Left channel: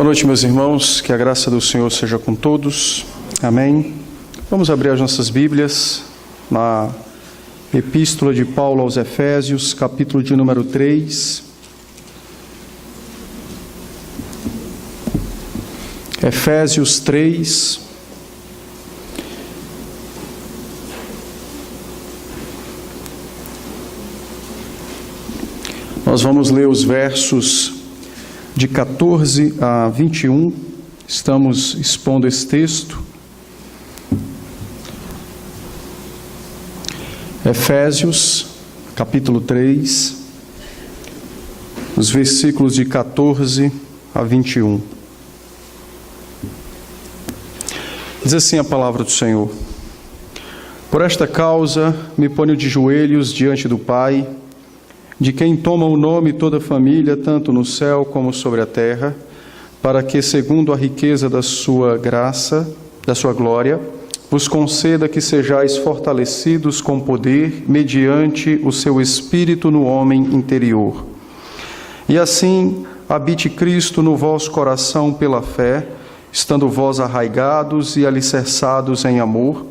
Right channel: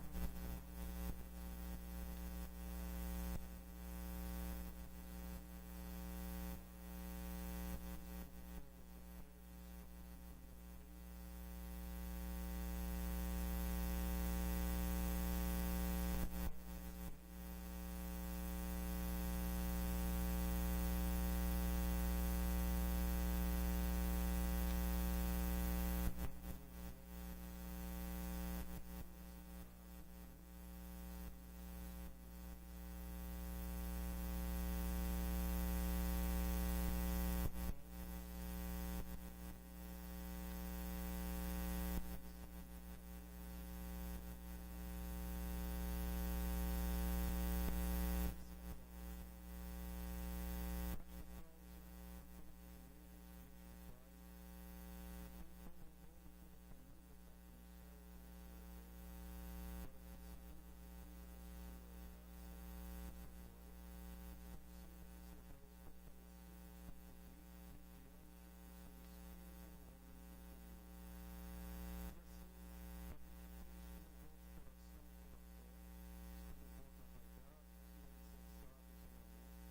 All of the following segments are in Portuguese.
Boa noite, meus irmãos, que a graça do Senhor seja com todos, amém. Vamos abrir as nossas Bíblias na Epístola de Paulo aos Efésios, capítulo de número 3. Efésios 3. Nós vamos ler os versos de 14 a 21, estamos expondo esse texto. Efésios, capítulo 3, os versículos de 14 a 21. Diz assim a palavra do Senhor: Por esta causa me ponho de joelhos diante do Pai, de quem toma o nome toda a família, tanto no céu como sobre a terra, para que, segundo a riqueza da sua graça, da sua glória, vos conceda que sejais fortalecidos com poder, mediante o seu Espírito no homem interior. E assim habite Cristo no vosso coração pela fé, estando vós arraigados e alicerçados em amor,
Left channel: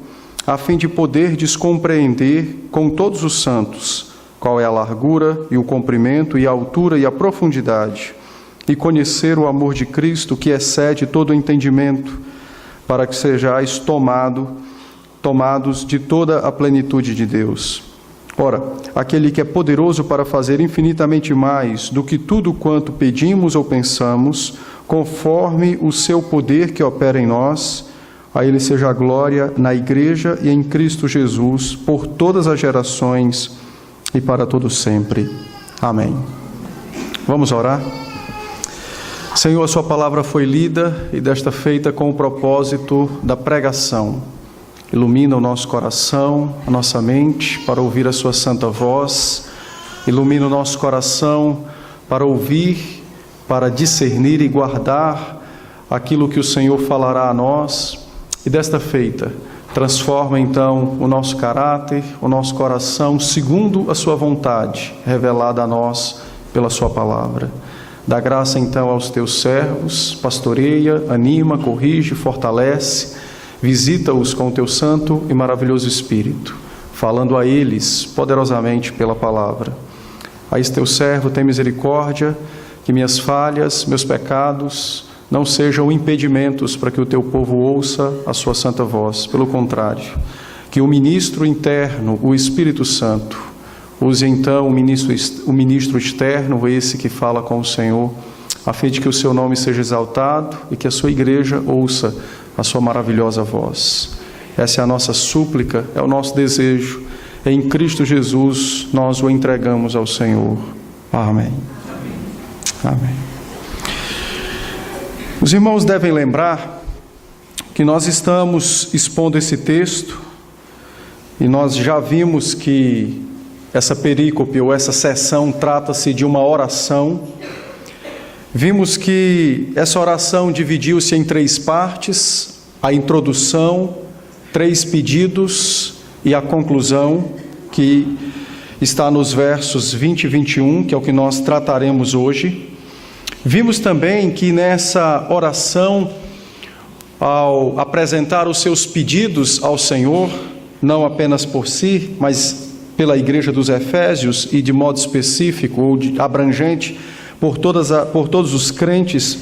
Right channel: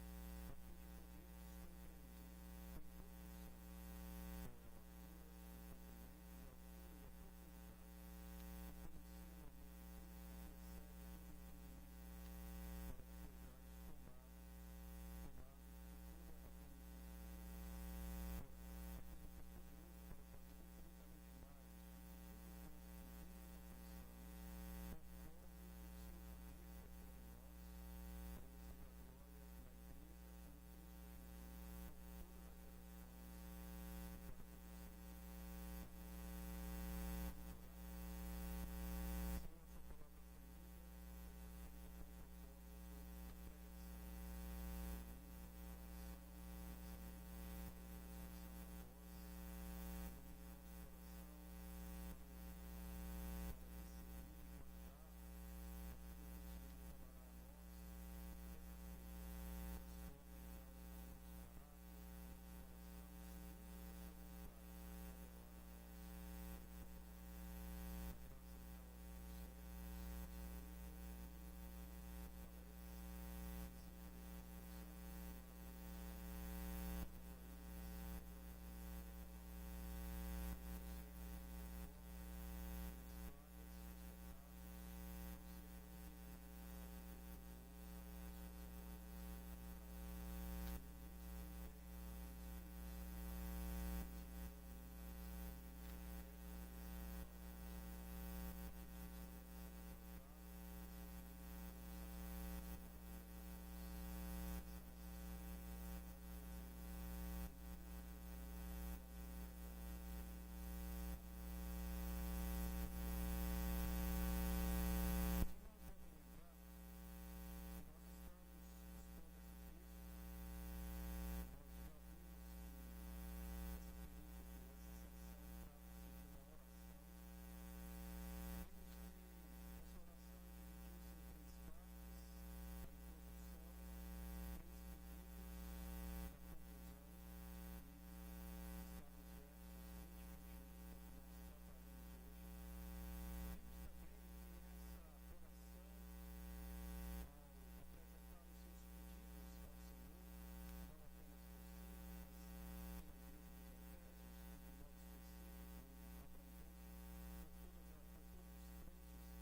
a fim de poderdes compreender com todos os santos qual é a largura e o comprimento e a altura e a profundidade, e conhecer o amor de Cristo que excede todo o entendimento, para que sejais tomados de toda a plenitude de Deus. Ora, aquele que é poderoso para fazer infinitamente mais do que tudo quanto pedimos ou pensamos, conforme o seu poder que opera em nós, a ele seja a glória na Igreja e em Cristo Jesus, por todas as gerações e para todo sempre. Amém. Vamos orar? Senhor, a sua palavra foi lida e desta feita com o propósito da pregação. Ilumina o nosso coração, a nossa mente, para ouvir a sua santa voz. Ilumina o nosso coração para ouvir, para discernir e guardar aquilo que o Senhor falará a nós. E desta feita, transforma então o nosso caráter, o nosso coração, segundo a sua vontade, revelada a nós pela sua palavra. Dá graça então aos teus servos, pastoreia, anima, corrige, fortalece, visita-os com o teu santo e maravilhoso Espírito, falando a eles poderosamente pela palavra. A esse teu servo tem misericórdia, que minhas falhas, meus pecados não sejam impedimentos para que o teu povo ouça a sua santa voz. Pelo contrário, que o ministro interno, o Espírito Santo, use então o ministro externo, esse que fala com o Senhor, a fim de que o seu nome seja exaltado e que a sua igreja ouça a sua maravilhosa voz. Essa é a nossa súplica, é o nosso desejo. Em Cristo Jesus nós o entregamos ao Senhor. Amém. Amém. Os irmãos devem lembrar que nós estamos expondo esse texto e nós já vimos que essa perícope ou essa sessão trata-se de uma oração. Vimos que essa oração dividiu-se em 3 partes: a introdução, 3 pedidos e a conclusão, que está nos versos 20 e 21, que é o que nós trataremos hoje. Vimos também que nessa oração, ao apresentar os seus pedidos ao Senhor, não apenas por si, mas pela Igreja dos Efésios e de modo específico ou abrangente por todos os crentes,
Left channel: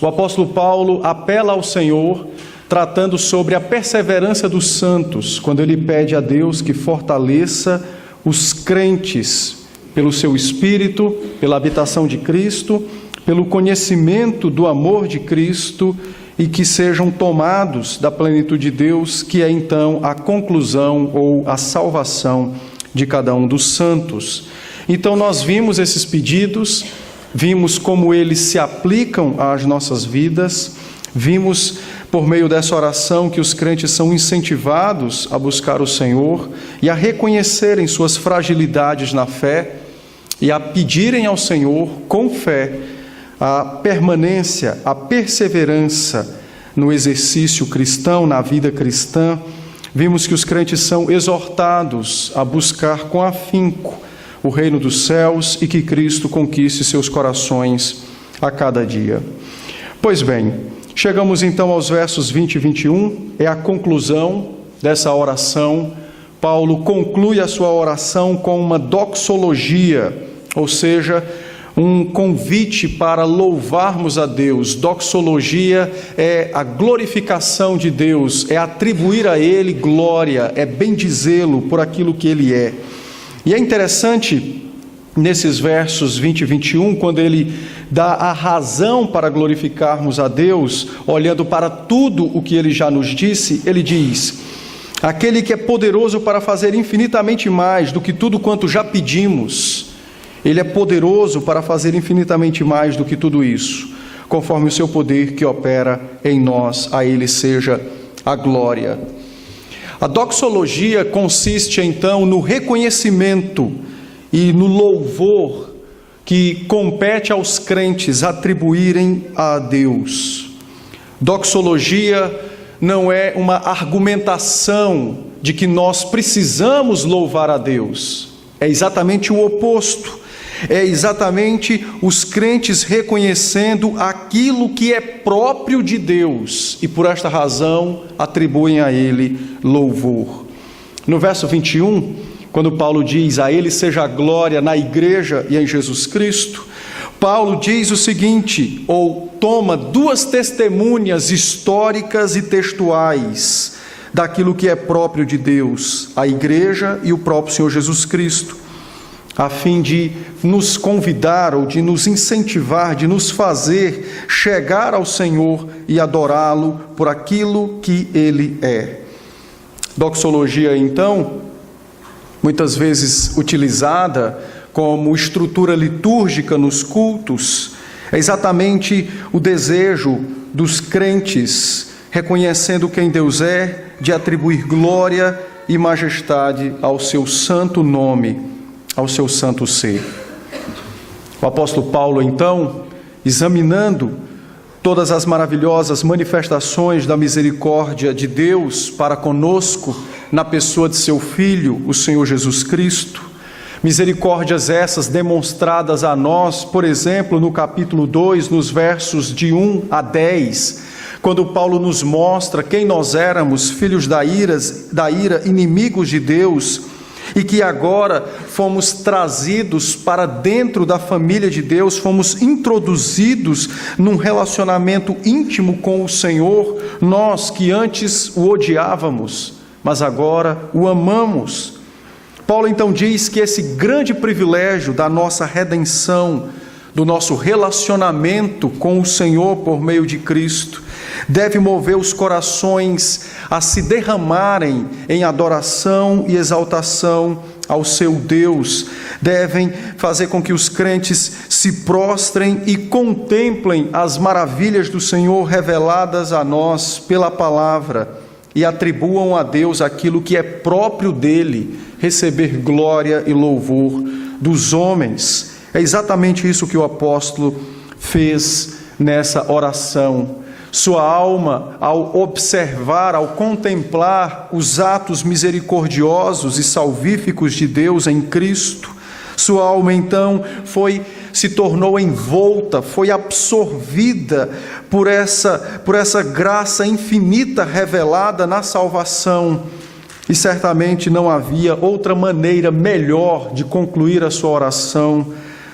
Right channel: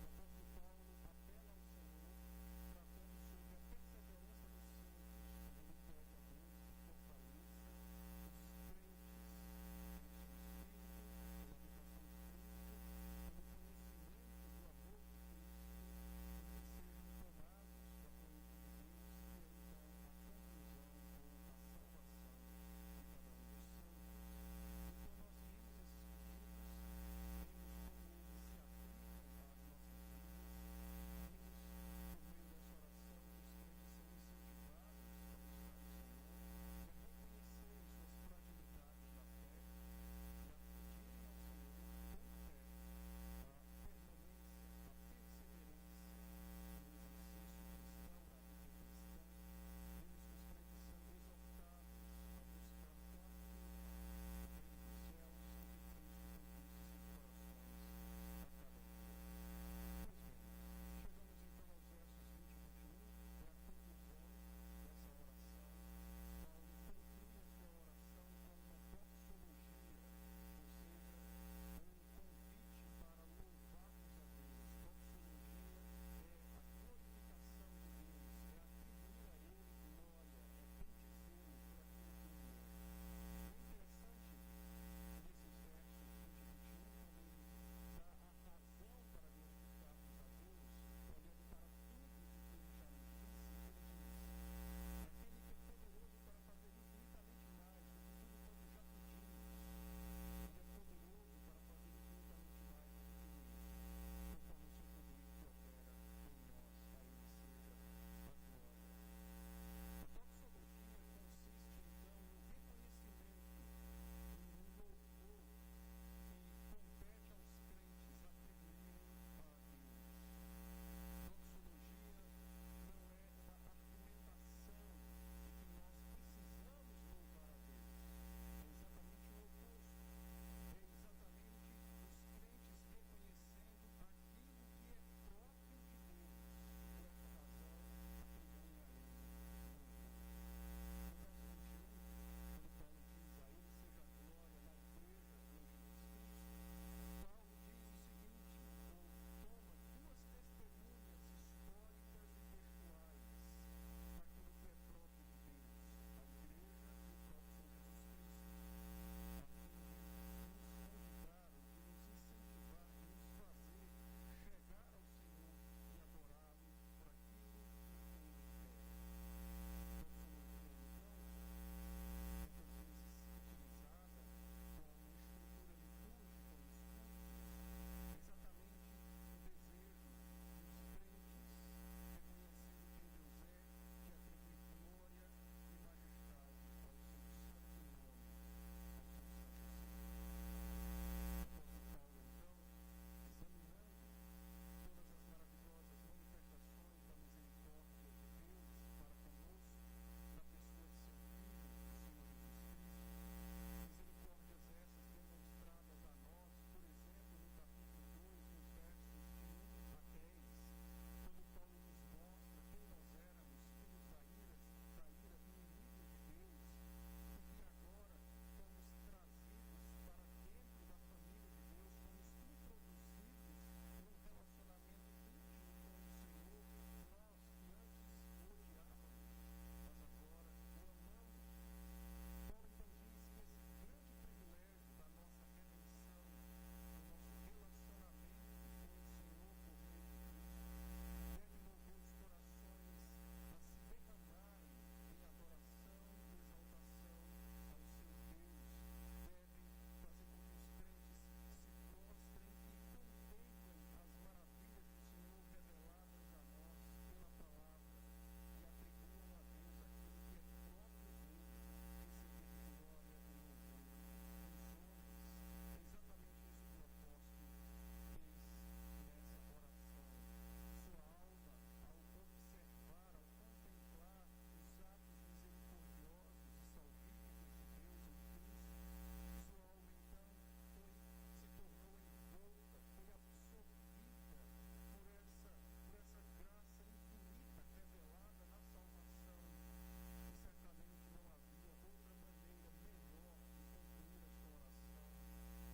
o apóstolo Paulo apela ao Senhor, tratando sobre a perseverança dos santos, quando ele pede a Deus que fortaleça os crentes pelo seu Espírito, pela habitação de Cristo, pelo conhecimento do amor de Cristo, e que sejam tomados da plenitude de Deus, que é então a conclusão ou a salvação de cada um dos santos. Então nós vimos esses pedidos, vimos como eles se aplicam às nossas vidas, vimos por meio dessa oração que os crentes são incentivados a buscar o Senhor e a reconhecerem suas fragilidades na fé e a pedirem ao Senhor com fé a permanência, a perseverança no exercício cristão, na vida cristã. Vimos que os crentes são exortados a buscar com afinco o reino dos céus e que Cristo conquiste seus corações a cada dia. Pois bem, chegamos então aos versos 20 e 21, é a conclusão dessa oração. Paulo conclui a sua oração com uma doxologia, ou seja, um convite para louvarmos a Deus. Doxologia é a glorificação de Deus, é atribuir a Ele glória, é bendizê-lo por aquilo que Ele é. E é interessante, nesses versos 20 e 21, quando ele dá a razão para glorificarmos a Deus, olhando para tudo o que Ele já nos disse, ele diz: aquele que é poderoso para fazer infinitamente mais do que tudo quanto já pedimos. Ele é poderoso para fazer infinitamente mais do que tudo isso, conforme o seu poder que opera em nós. A Ele seja a glória. A doxologia consiste então no reconhecimento e no louvor que compete aos crentes atribuírem a Deus. Doxologia não é uma argumentação de que nós precisamos louvar a Deus. É exatamente o oposto. É exatamente os crentes reconhecendo aquilo que é próprio de Deus e por esta razão atribuem a Ele louvor. No verso 21, quando Paulo diz: a Ele seja a glória na igreja e em Jesus Cristo, Paulo diz o seguinte, ou toma duas testemunhas históricas e textuais daquilo que é próprio de Deus, a igreja e o próprio Senhor Jesus Cristo, a fim de nos convidar ou de nos incentivar, de nos fazer chegar ao Senhor e adorá-lo por aquilo que Ele é. Doxologia, então, muitas vezes utilizada como estrutura litúrgica nos cultos, é exatamente o desejo dos crentes, reconhecendo quem Deus é, de atribuir glória e majestade ao seu santo nome, ao seu santo ser. O apóstolo Paulo, então, examinando todas as maravilhosas manifestações da misericórdia de Deus para conosco, na pessoa de seu Filho, o Senhor Jesus Cristo, misericórdias essas demonstradas a nós, por exemplo, no capítulo 2, nos versos de 1 a 10, quando Paulo nos mostra quem nós éramos, filhos da ira, inimigos de Deus, e que agora fomos trazidos para dentro da família de Deus, fomos introduzidos num relacionamento íntimo com o Senhor, nós que antes o odiávamos, mas agora o amamos. Paulo então diz que esse grande privilégio da nossa redenção, do nosso relacionamento com o Senhor por meio de Cristo, deve mover os corações a se derramarem em adoração e exaltação ao seu Deus, devem fazer com que os crentes se prostrem e contemplem as maravilhas do Senhor reveladas a nós pela palavra e atribuam a Deus aquilo que é próprio dele, receber glória e louvor dos homens. É exatamente isso que o apóstolo fez nessa oração. Sua alma, ao observar, ao contemplar os atos misericordiosos e salvíficos de Deus em Cristo, sua alma então se tornou envolta, foi absorvida por essa graça infinita revelada na salvação. E certamente não havia outra maneira melhor de concluir a sua oração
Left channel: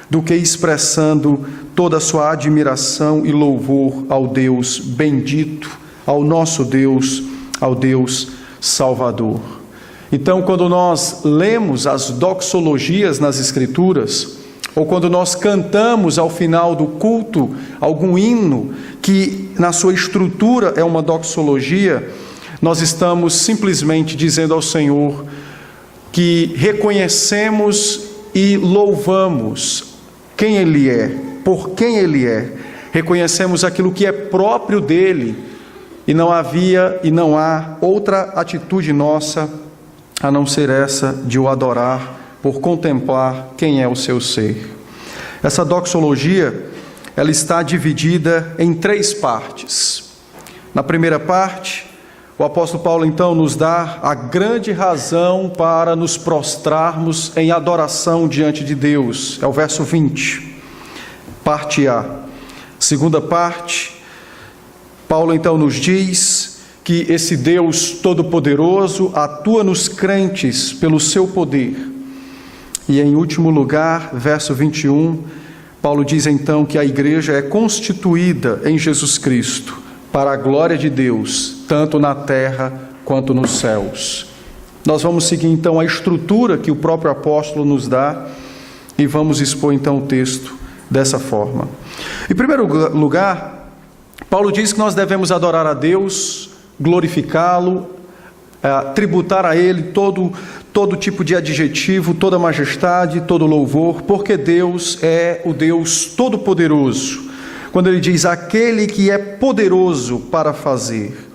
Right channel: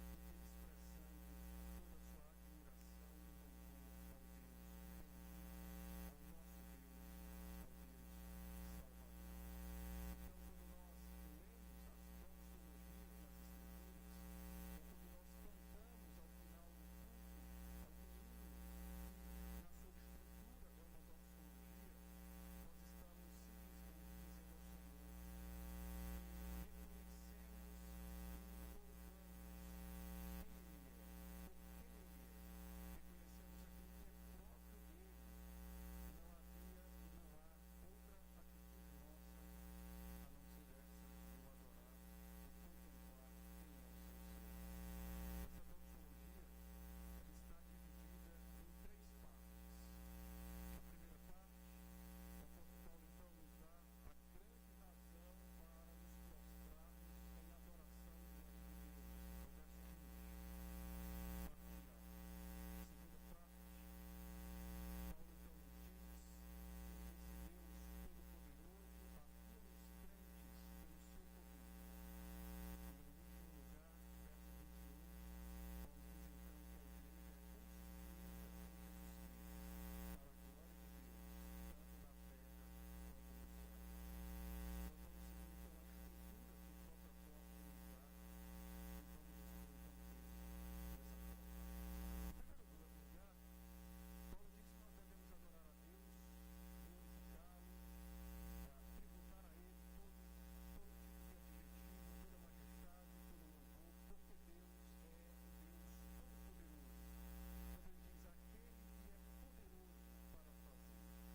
do que expressando toda a sua admiração e louvor ao Deus bendito, ao nosso Deus, ao Deus Salvador. Então, quando nós lemos as doxologias nas Escrituras, ou quando nós cantamos ao final do culto algum hino que na sua estrutura é uma doxologia, nós estamos simplesmente dizendo ao Senhor que reconhecemos e louvamos quem Ele é, por quem Ele é, reconhecemos aquilo que é próprio dEle, e não havia e não há outra atitude nossa a não ser essa de o adorar por contemplar quem é o seu ser. Essa doxologia, ela está dividida em 3 partes. Na primeira parte, o apóstolo Paulo então nos dá a grande razão para nos prostrarmos em adoração diante de Deus. É o verso 20, parte A. Segunda parte, Paulo então nos diz que esse Deus Todo-Poderoso atua nos crentes pelo seu poder. E em último lugar, verso 21, Paulo diz então que a igreja é constituída em Jesus Cristo para a glória de Deus, tanto na terra quanto nos céus. Nós vamos seguir então a estrutura que o próprio apóstolo nos dá e vamos expor então o texto dessa forma. Em primeiro lugar, Paulo diz que nós devemos adorar a Deus, glorificá-lo, tributar a Ele todo tipo de adjetivo, toda majestade, todo louvor, porque Deus é o Deus Todo-Poderoso. Quando ele diz aquele que é poderoso para fazer.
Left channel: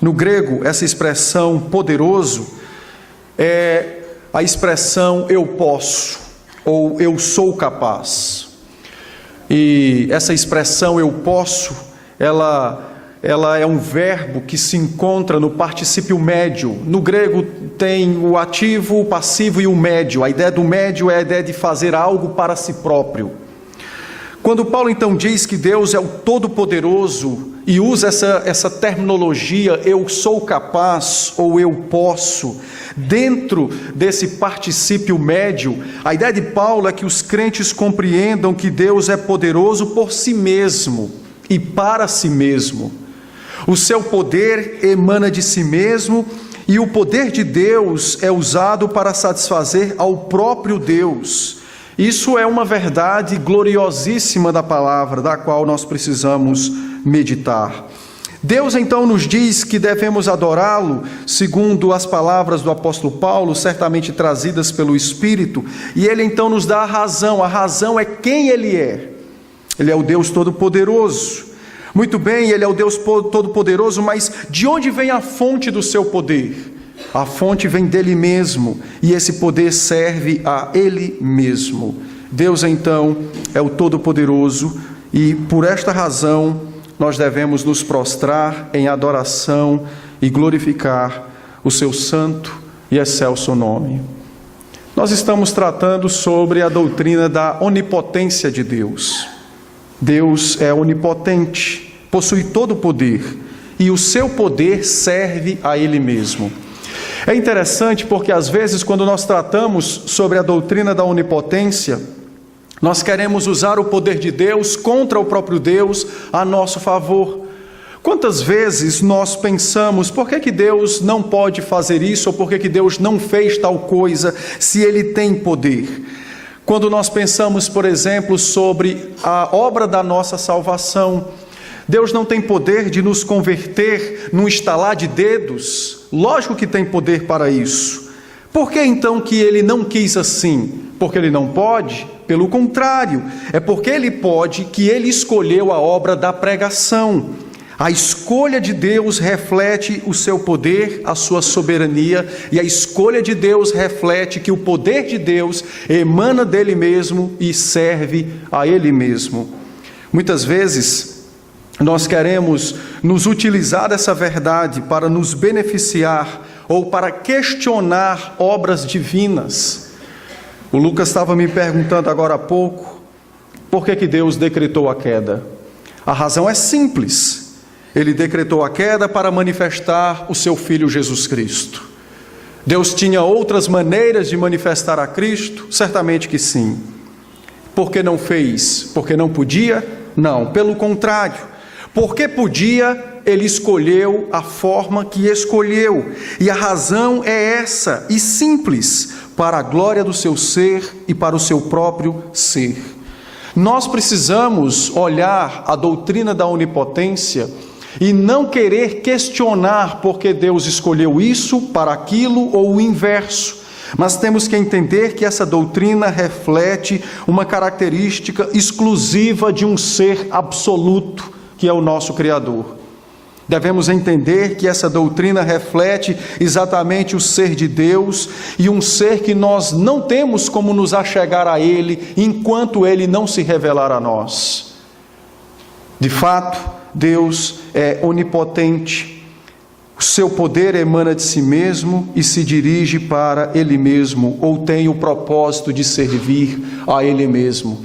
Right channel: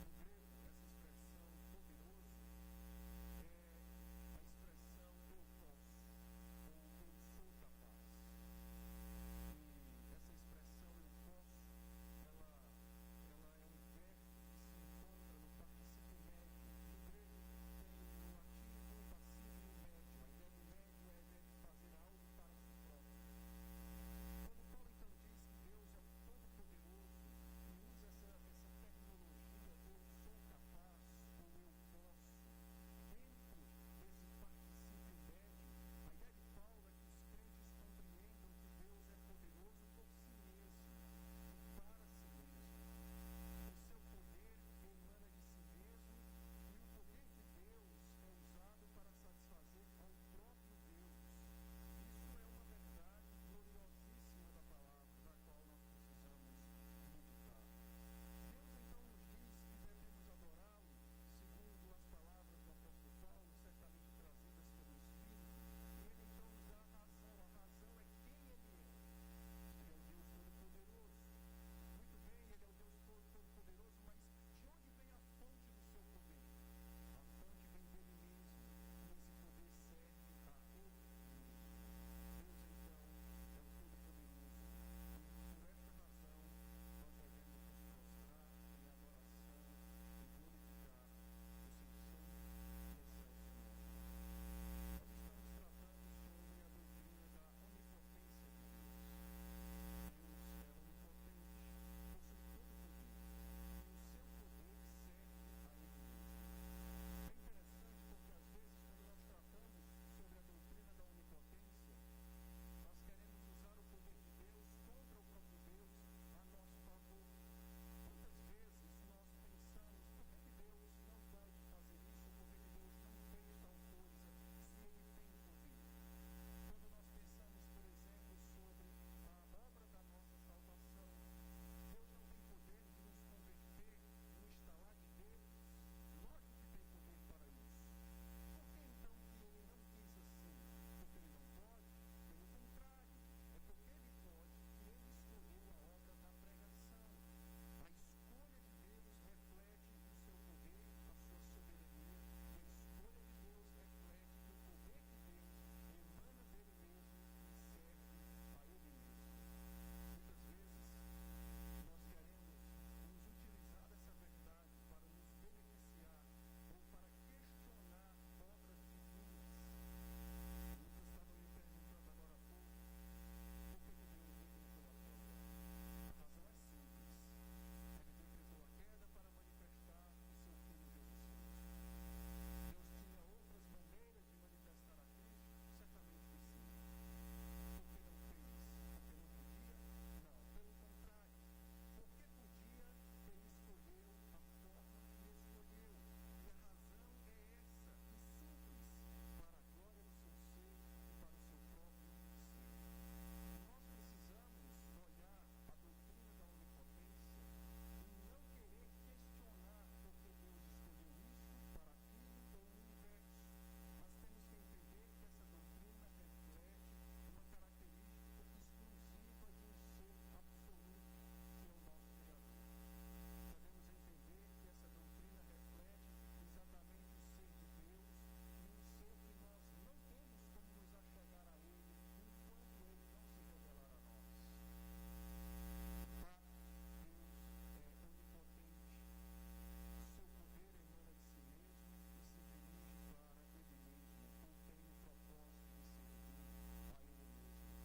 No grego, essa expressão poderoso é a expressão eu posso, ou eu sou capaz. E essa expressão eu posso, ela é um verbo que se encontra no particípio médio. No grego tem o ativo, o passivo e o médio. A ideia do médio é a ideia de fazer algo para si próprio. Quando Paulo então diz que Deus é o Todo-Poderoso e usa essa terminologia eu sou capaz ou eu posso, dentro desse particípio médio, a ideia de Paulo é que os crentes compreendam que Deus é poderoso por si mesmo e para si mesmo. O seu poder emana de si mesmo e o poder de Deus é usado para satisfazer ao próprio Deus. Isso é uma verdade gloriosíssima da palavra, da qual nós precisamos meditar. Deus então nos diz que devemos adorá-lo, segundo as palavras do apóstolo Paulo, certamente trazidas pelo Espírito, e ele então nos dá a razão é quem ele é. Ele é o Deus Todo-Poderoso. Muito bem, ele é o Deus Todo-Poderoso, mas de onde vem a fonte do seu poder? A fonte vem dele mesmo, e esse poder serve a ele mesmo. Deus então é o Todo-Poderoso, e por esta razão nós devemos nos prostrar em adoração e glorificar o seu santo e excelso nome. Nós estamos tratando sobre a doutrina da onipotência de Deus. Deus é onipotente, possui todo o poder, e o seu poder serve a ele mesmo. É interessante porque às vezes quando nós tratamos sobre a doutrina da onipotência, nós queremos usar o poder de Deus contra o próprio Deus a nosso favor. Quantas vezes nós pensamos, por que Deus não pode fazer isso, ou por que Deus não fez tal coisa, se Ele tem poder? Quando nós pensamos, por exemplo, sobre a obra da nossa salvação, Deus não tem poder de nos converter num estalar de dedos? Lógico que tem poder para isso. Por que então que Ele não quis assim? Porque Ele não pode? Pelo contrário, é porque Ele pode que Ele escolheu a obra da pregação. A escolha de Deus reflete o seu poder, a sua soberania, e a escolha de Deus reflete que o poder de Deus emana dele mesmo e serve a ele mesmo. Muitas vezes nós queremos nos utilizar dessa verdade para nos beneficiar ou para questionar obras divinas. O Lucas estava me perguntando agora há pouco, por que Deus decretou a queda? A razão é simples. Ele decretou a queda para manifestar o seu Filho Jesus Cristo. Deus tinha outras maneiras de manifestar a Cristo? Certamente que sim. Por que não fez? Porque não podia? Não, pelo contrário. Porque podia, Ele escolheu a forma que escolheu. E a razão é essa, e simples, para a glória do seu ser e para o seu próprio ser. Nós precisamos olhar a doutrina da onipotência e não querer questionar por que Deus escolheu isso para aquilo ou o inverso. Mas temos que entender que essa doutrina reflete uma característica exclusiva de um ser absoluto, que é o nosso Criador. Devemos entender que essa doutrina reflete exatamente o ser de Deus e um ser que nós não temos como nos achegar a Ele enquanto Ele não se revelar a nós. De fato, Deus é onipotente, o seu poder emana de si mesmo e se dirige para Ele mesmo, ou tem o propósito de servir a Ele mesmo.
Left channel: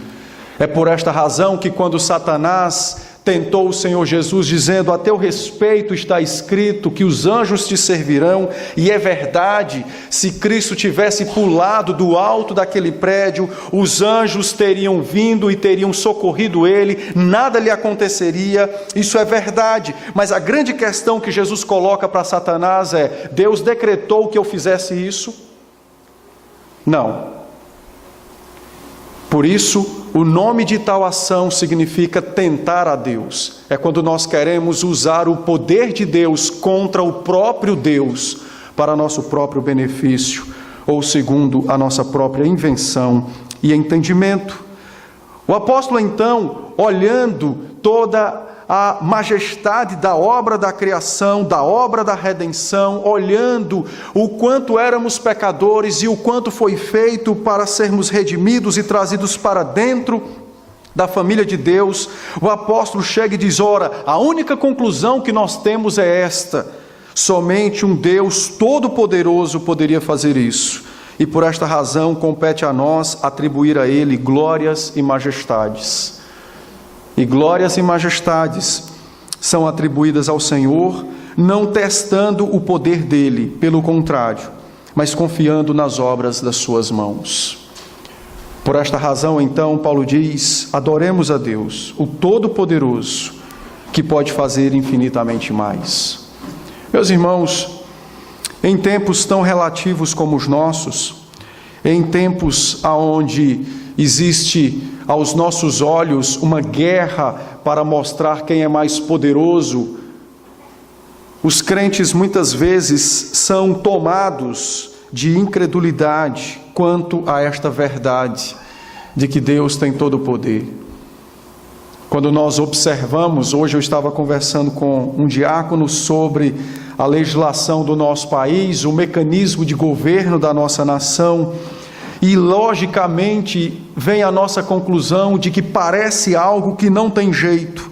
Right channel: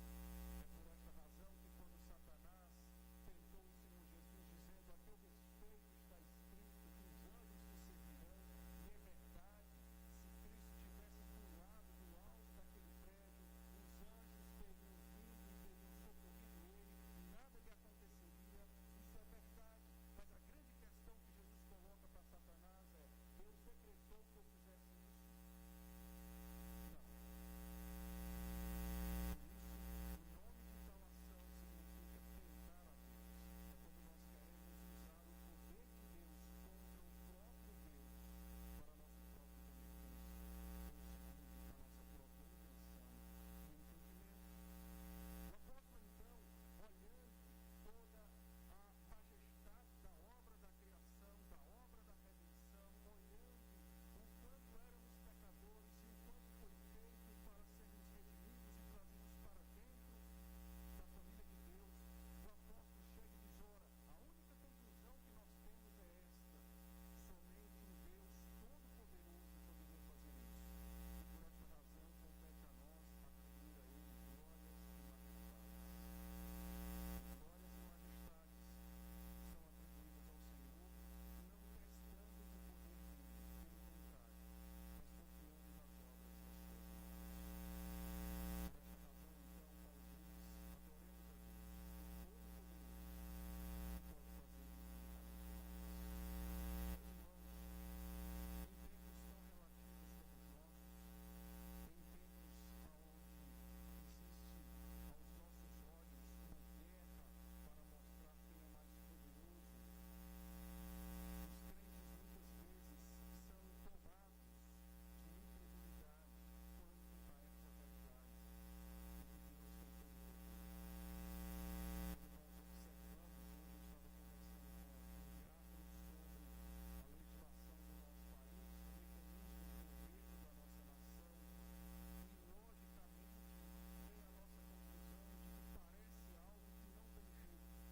É por esta razão que quando Satanás tentou o Senhor Jesus, dizendo: a teu respeito está escrito que os anjos te servirão. E é verdade, se Cristo tivesse pulado do alto daquele prédio, os anjos teriam vindo e teriam socorrido ele, nada lhe aconteceria. Isso é verdade, mas a grande questão que Jesus coloca para Satanás é: Deus decretou que eu fizesse isso? Não. Por isso, o nome de tal ação significa tentar a Deus. É quando nós queremos usar o poder de Deus contra o próprio Deus para nosso próprio benefício, ou segundo a nossa própria invenção e entendimento. O apóstolo, então, olhando toda a majestade da obra da criação, da obra da redenção, olhando o quanto éramos pecadores e o quanto foi feito para sermos redimidos e trazidos para dentro da família de Deus, o apóstolo chega e diz: ora, a única conclusão que nós temos é esta: somente um Deus todo-poderoso poderia fazer isso, e por esta razão compete a nós atribuir a Ele glórias e majestades. E glórias e majestades são atribuídas ao Senhor, não testando o poder dele, pelo contrário, mas confiando nas obras das suas mãos. Por esta razão, então, Paulo diz: adoremos a Deus, o Todo-Poderoso, que pode fazer infinitamente mais. Meus irmãos, em tempos tão relativos como os nossos, em tempos onde existe aos nossos olhos uma guerra para mostrar quem é mais poderoso, os crentes muitas vezes são tomados de incredulidade quanto a esta verdade de que Deus tem todo o poder. Quando nós observamos, hoje eu estava conversando com um diácono sobre a legislação do nosso país, o mecanismo de governo da nossa nação, e logicamente vem a nossa conclusão de que parece algo que não tem jeito,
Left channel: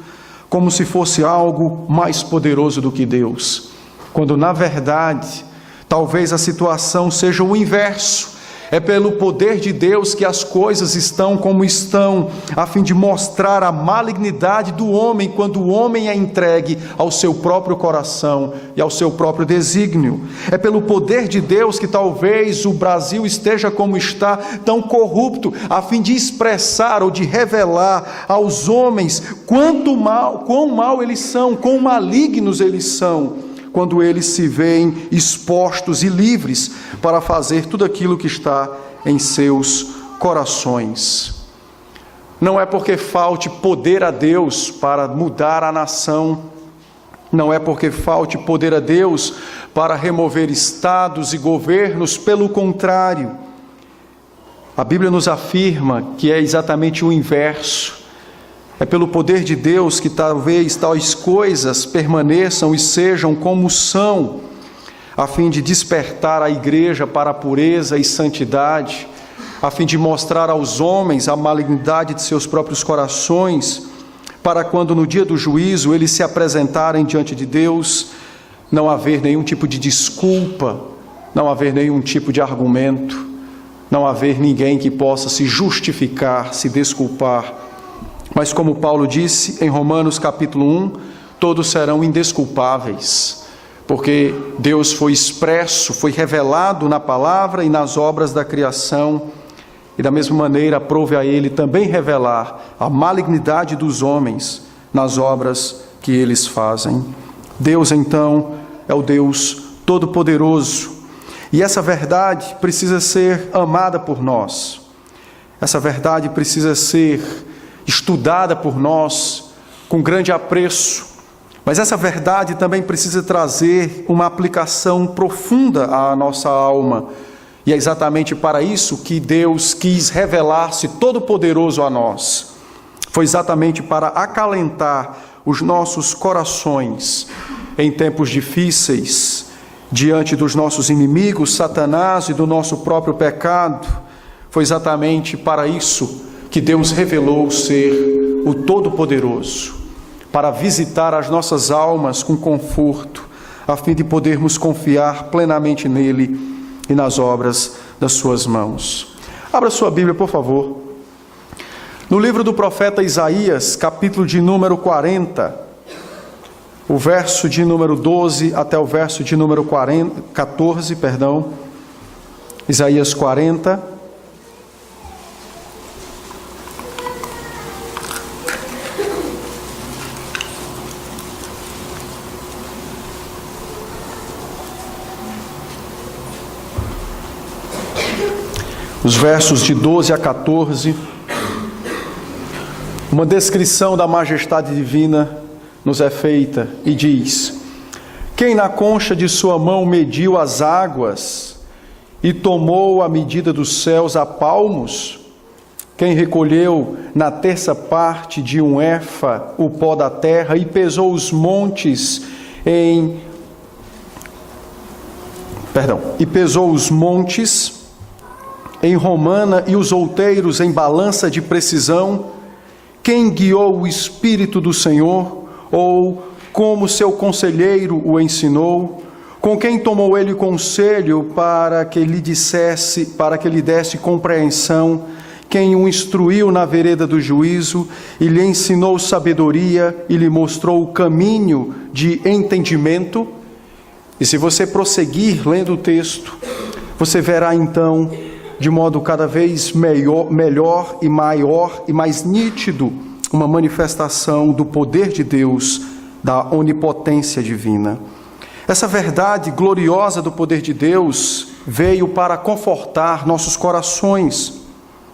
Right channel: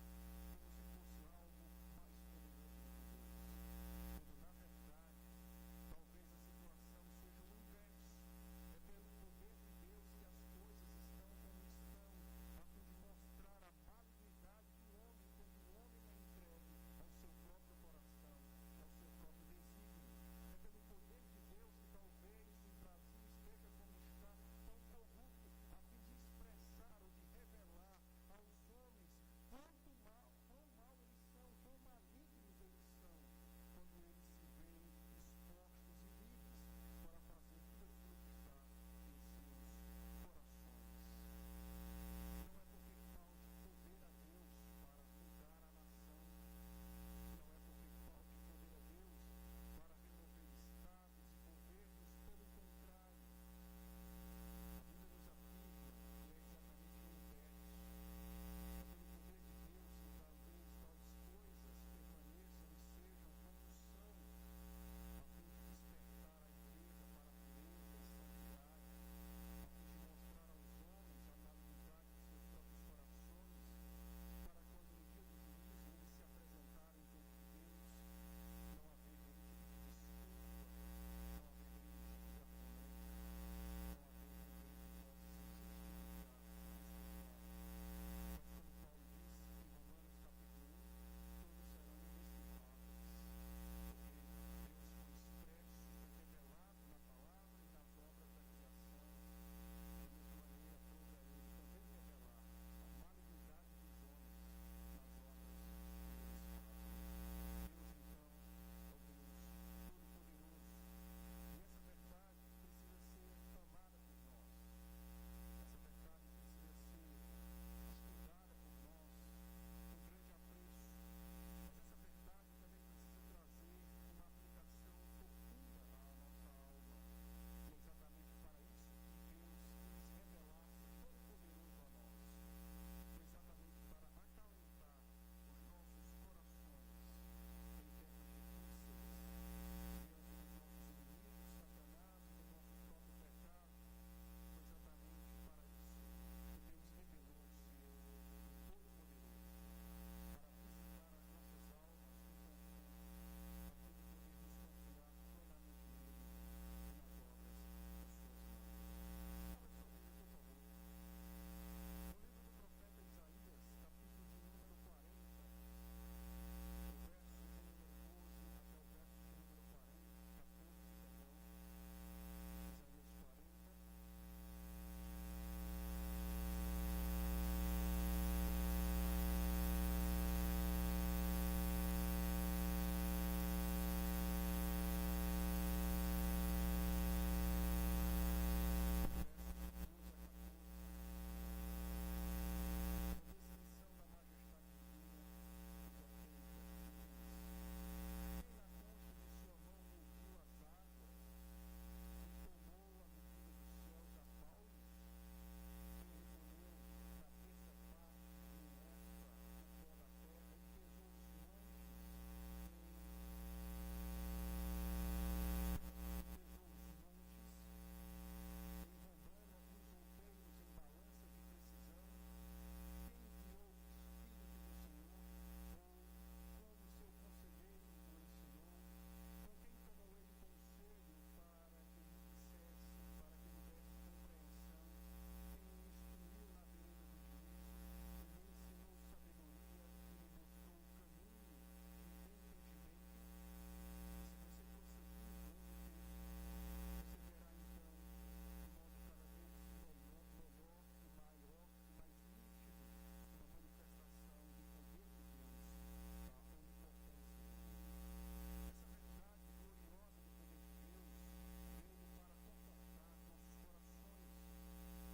como se fosse algo mais poderoso do que Deus, quando na verdade talvez a situação seja o inverso. É pelo poder de Deus que as coisas estão como estão, a fim de mostrar a malignidade do homem, quando o homem é entregue ao seu próprio coração e ao seu próprio desígnio. É pelo poder de Deus que talvez o Brasil esteja como está, tão corrupto, a fim de expressar ou de revelar aos homens quão mal eles são, quão malignos eles são, quando eles se veem expostos e livres para fazer tudo aquilo que está em seus corações. Não é porque falte poder a Deus para mudar a nação, não é porque falte poder a Deus para remover estados e governos, pelo contrário, a Bíblia nos afirma que é exatamente o inverso. É pelo poder de Deus que talvez tais coisas permaneçam e sejam como são, a fim de despertar a igreja para a pureza e santidade, a fim de mostrar aos homens a malignidade de seus próprios corações, para quando no dia do juízo eles se apresentarem diante de Deus, não haver nenhum tipo de desculpa, não haver nenhum tipo de argumento, não haver ninguém que possa se justificar, se desculpar. Mas como Paulo disse em Romanos capítulo 1, todos serão indesculpáveis, porque Deus foi expresso, foi revelado na palavra e nas obras da criação, e da mesma maneira aprove a Ele também revelar a malignidade dos homens nas obras que eles fazem. Deus, então, é o Deus Todo-Poderoso, e essa verdade precisa ser amada por nós, essa verdade precisa ser estudada por nós com grande apreço, mas essa verdade também precisa trazer uma aplicação profunda à nossa alma, e é exatamente para isso que Deus quis revelar-se todo-poderoso a nós. Foi exatamente para acalentar os nossos corações em tempos difíceis, diante dos nossos inimigos, Satanás, e do nosso próprio pecado. Foi exatamente para isso que Deus revelou ser o Todo-Poderoso, para visitar as nossas almas com conforto, a fim de podermos confiar plenamente nele e nas obras das suas mãos. Abra sua Bíblia, por favor, No livro do profeta Isaías, capítulo de número 40, o verso de número 12 até o verso de número 14, Isaías 40. Os versos de 12 a 14, uma descrição da majestade divina nos é feita e diz: quem na concha de sua mão mediu as águas e tomou a medida dos céus a palmos? Quem recolheu na terça parte de um éfa o pó da terra e pesou os montes em romana e os outeiros em balança de precisão? Quem guiou o Espírito do Senhor, ou como seu conselheiro o ensinou? Com quem tomou ele conselho para que lhe desse compreensão? Quem o instruiu na vereda do juízo e lhe ensinou sabedoria e lhe mostrou o caminho de entendimento? E se você prosseguir lendo o texto, você verá então, de modo cada vez melhor e maior e mais nítido, uma manifestação do poder de Deus, da onipotência divina. Essa verdade gloriosa do poder de Deus veio para confortar nossos corações.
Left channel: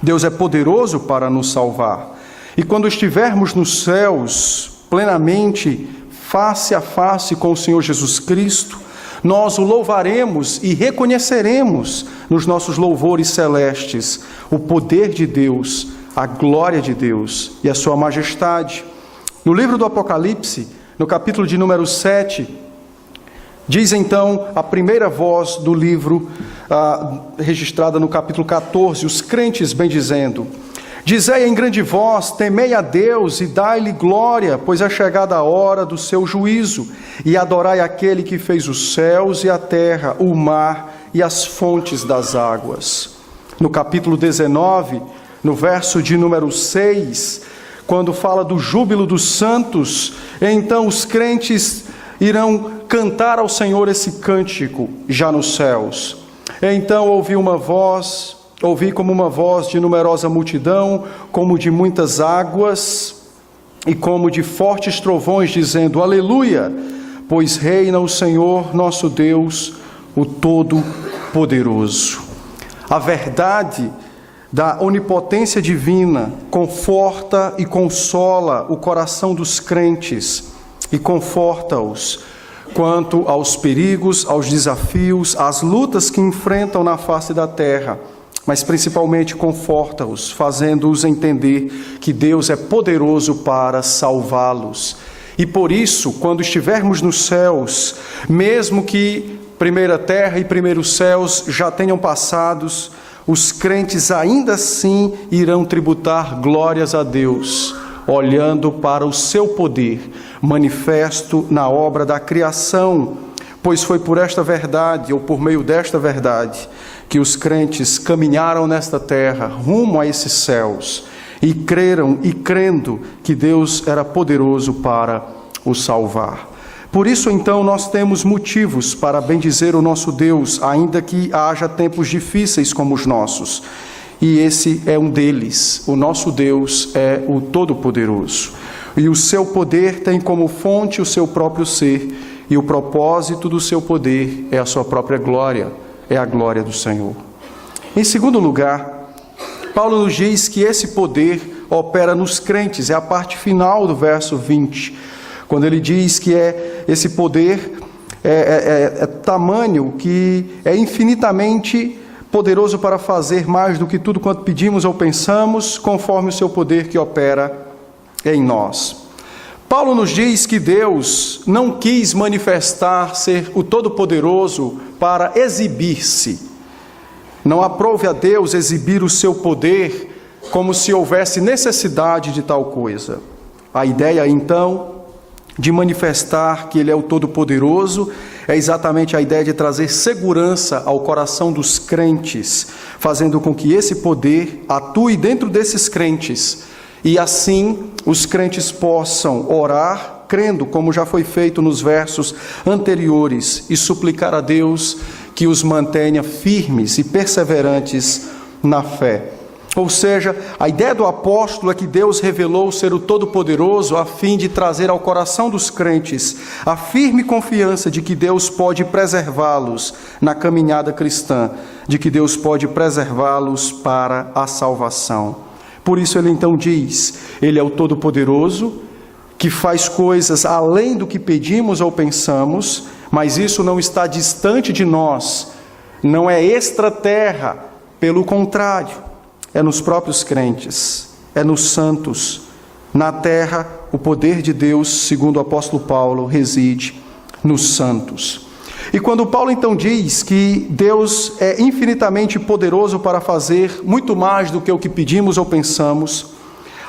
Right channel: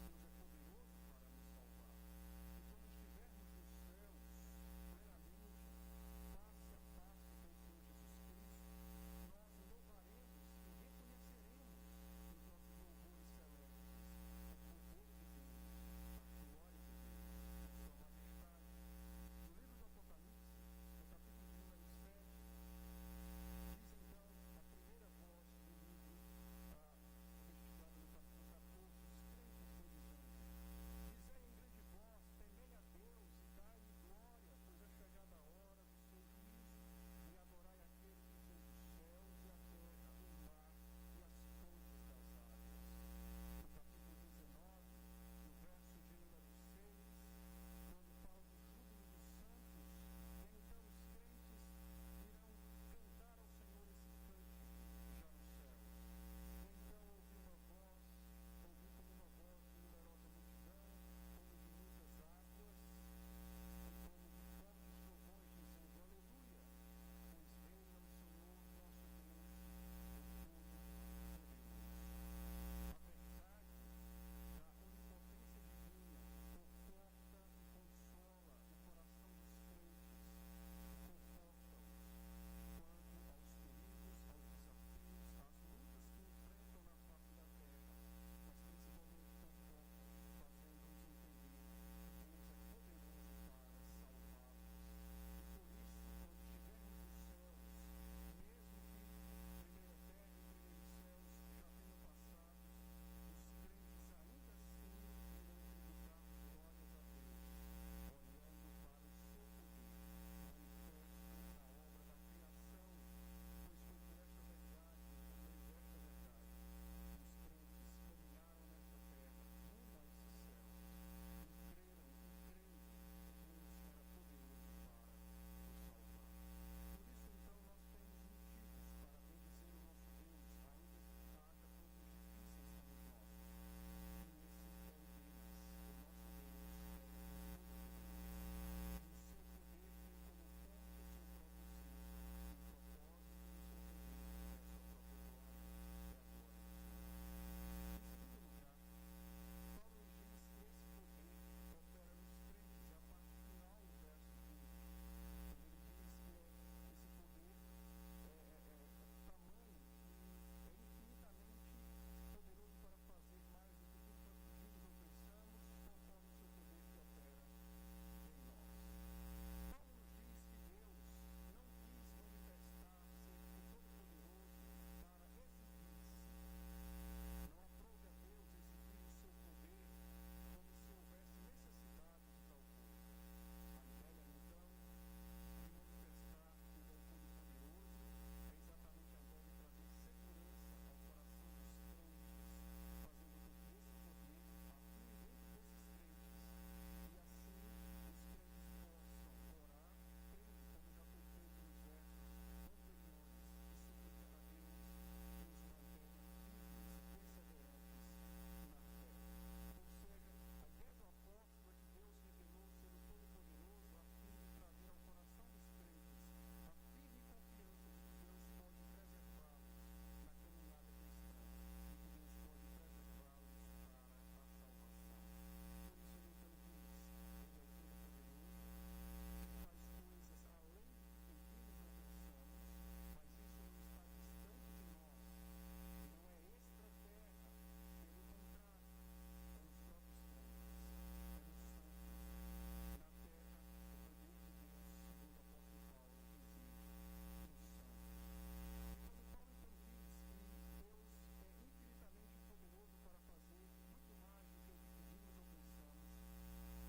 Deus é poderoso para nos salvar. E quando estivermos nos céus, plenamente, face a face com o Senhor Jesus Cristo, nós o louvaremos e reconheceremos nos nossos louvores celestes o poder de Deus, a glória de Deus e a sua majestade. No livro do Apocalipse, no capítulo de número 7, diz então a primeira voz do livro, registrada no capítulo 14, os crentes bendizendo: dizei em grande voz, temei a Deus e dai-lhe glória, pois é chegada a hora do seu juízo, e adorai aquele que fez os céus e a terra, o mar e as fontes das águas. No capítulo 19, no verso de número 6, quando fala do júbilo dos santos, então os crentes irão cantar ao Senhor esse cântico já nos céus. Então ouvi como uma voz de numerosa multidão, como de muitas águas e como de fortes trovões, dizendo: aleluia, pois reina o Senhor nosso Deus, o Todo-Poderoso. A verdade da onipotência divina conforta e consola o coração dos crentes e conforta-os quanto aos perigos, aos desafios, às lutas que enfrentam na face da terra, mas principalmente conforta-os, fazendo-os entender que Deus é poderoso para salvá-los. E por isso, quando estivermos nos céus, mesmo que primeira terra e primeiros céus já tenham passados, os crentes ainda assim irão tributar glórias a Deus, olhando para o seu poder manifesto na obra da criação, pois foi por esta verdade, ou por meio desta verdade, que os crentes caminharam nesta terra rumo a esses céus e creram e crendo que Deus era poderoso para os salvar. Por isso, então, nós temos motivos para bendizer o nosso Deus, ainda que haja tempos difíceis como os nossos. E esse é um deles. O nosso Deus é o Todo-Poderoso. E o seu poder tem como fonte o seu próprio ser, e o propósito do seu poder é a sua própria glória, é a glória do Senhor. Em segundo lugar, Paulo nos diz que esse poder opera nos crentes, é a parte final do verso 20, quando ele diz que esse poder é tamanho que é infinitamente poderoso para fazer mais do que tudo quanto pedimos ou pensamos, conforme o seu poder que opera em nós. Paulo nos diz que Deus não quis manifestar ser o Todo-Poderoso para exibir-se. Não aprove a Deus exibir o seu poder como se houvesse necessidade de tal coisa. A ideia, então, de manifestar que Ele é o Todo-Poderoso é exatamente a ideia de trazer segurança ao coração dos crentes, fazendo com que esse poder atue dentro desses crentes e assim os crentes possam orar, crendo, como já foi feito nos versos anteriores, e suplicar a Deus que os mantenha firmes e perseverantes na fé. Ou seja, a ideia do apóstolo é que Deus revelou ser o Todo-Poderoso a fim de trazer ao coração dos crentes a firme confiança de que Deus pode preservá-los na caminhada cristã, de que Deus pode preservá-los para a salvação. Por isso ele então diz, ele é o Todo-Poderoso, que faz coisas além do que pedimos ou pensamos, mas isso não está distante de nós, não é extraterra, pelo contrário, é nos próprios crentes, é nos santos. Na terra, o poder de Deus, segundo o apóstolo Paulo, reside nos santos. E quando Paulo então diz que Deus é infinitamente poderoso para fazer muito mais do que o que pedimos ou pensamos,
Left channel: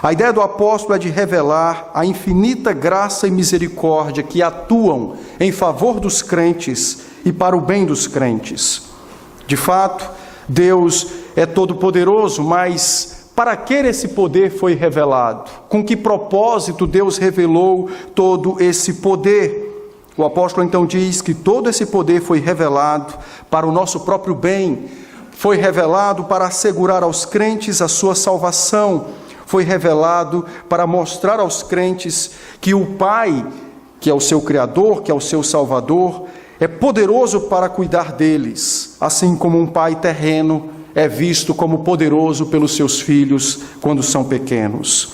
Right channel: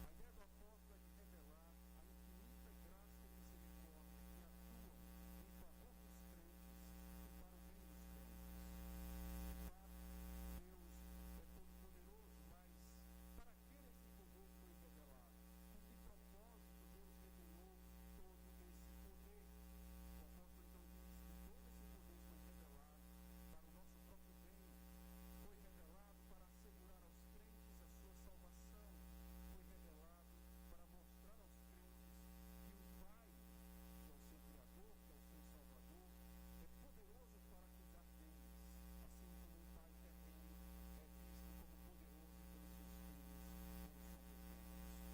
a ideia do apóstolo é de revelar a infinita graça e misericórdia que atuam em favor dos crentes e para o bem dos crentes. De fato, Deus é todo-poderoso, mas para que esse poder foi revelado? Com que propósito Deus revelou todo esse poder? O apóstolo então diz que todo esse poder foi revelado para o nosso próprio bem, foi revelado para assegurar aos crentes a sua salvação, foi revelado para mostrar aos crentes que o Pai, que é o seu Criador, que é o seu Salvador, é poderoso para cuidar deles, assim como um pai terreno é visto como poderoso pelos seus filhos quando são pequenos.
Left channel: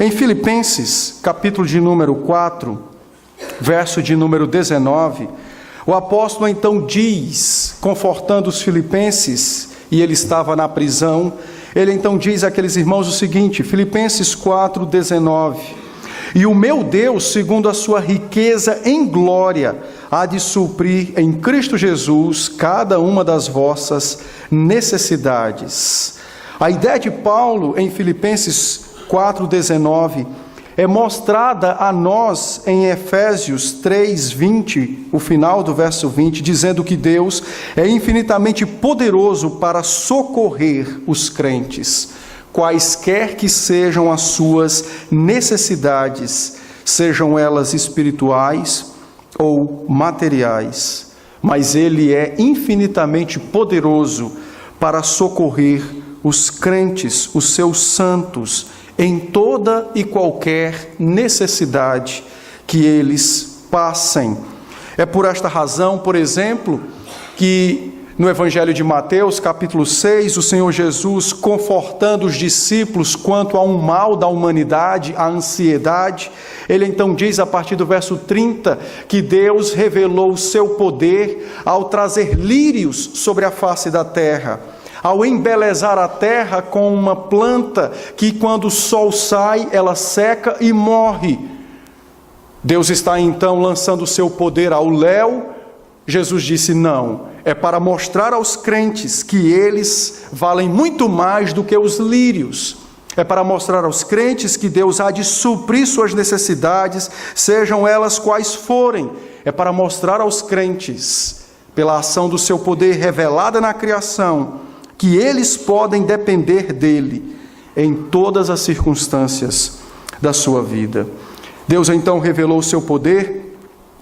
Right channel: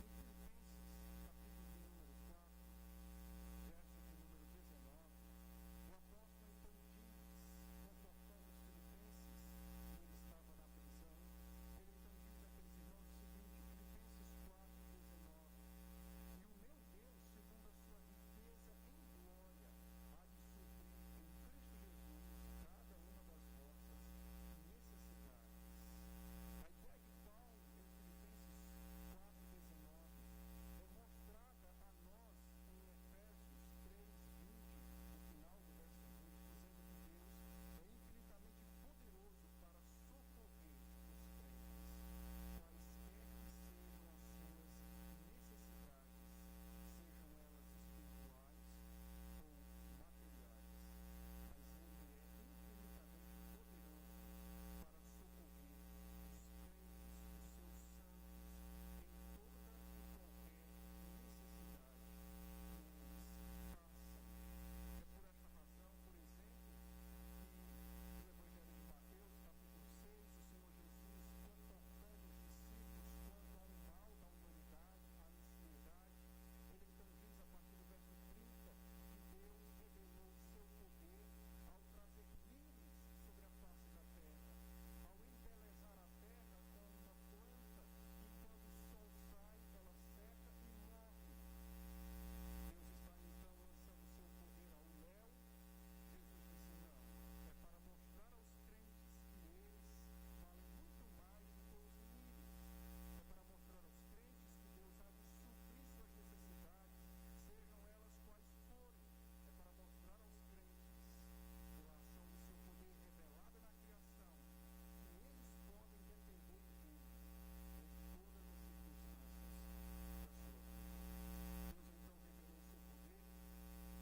Em Filipenses, capítulo de número 4, verso de número 19, o apóstolo então diz, confortando os filipenses, e ele estava na prisão, ele então diz àqueles irmãos o seguinte, Filipenses 4, 19, e o meu Deus, segundo a sua riqueza em glória, há de suprir em Cristo Jesus cada uma das vossas necessidades. A ideia de Paulo em Filipenses 4,19 é mostrada a nós em Efésios 3:20, o final do verso 20, dizendo que Deus é infinitamente poderoso para socorrer os crentes, quaisquer que sejam as suas necessidades, sejam elas espirituais ou materiais, mas Ele é infinitamente poderoso para socorrer os crentes, os seus santos, em toda e qualquer necessidade que eles passem. É por esta razão, por exemplo, que no Evangelho de Mateus, capítulo 6, o Senhor Jesus, confortando os discípulos quanto a um mal da humanidade, a ansiedade, ele então diz a partir do verso 30, que Deus revelou o seu poder ao trazer lírios sobre a face da terra, ao embelezar a terra com uma planta que quando o sol sai, ela seca e morre. Deus está então lançando o seu poder ao léu. Jesus disse não, é para mostrar aos crentes que eles valem muito mais do que os lírios. É para mostrar aos crentes que Deus há de suprir suas necessidades, sejam elas quais forem. É para mostrar aos crentes, pela ação do seu poder revelada na criação, que eles podem depender dele em todas as circunstâncias da sua vida. Deus então revelou o seu poder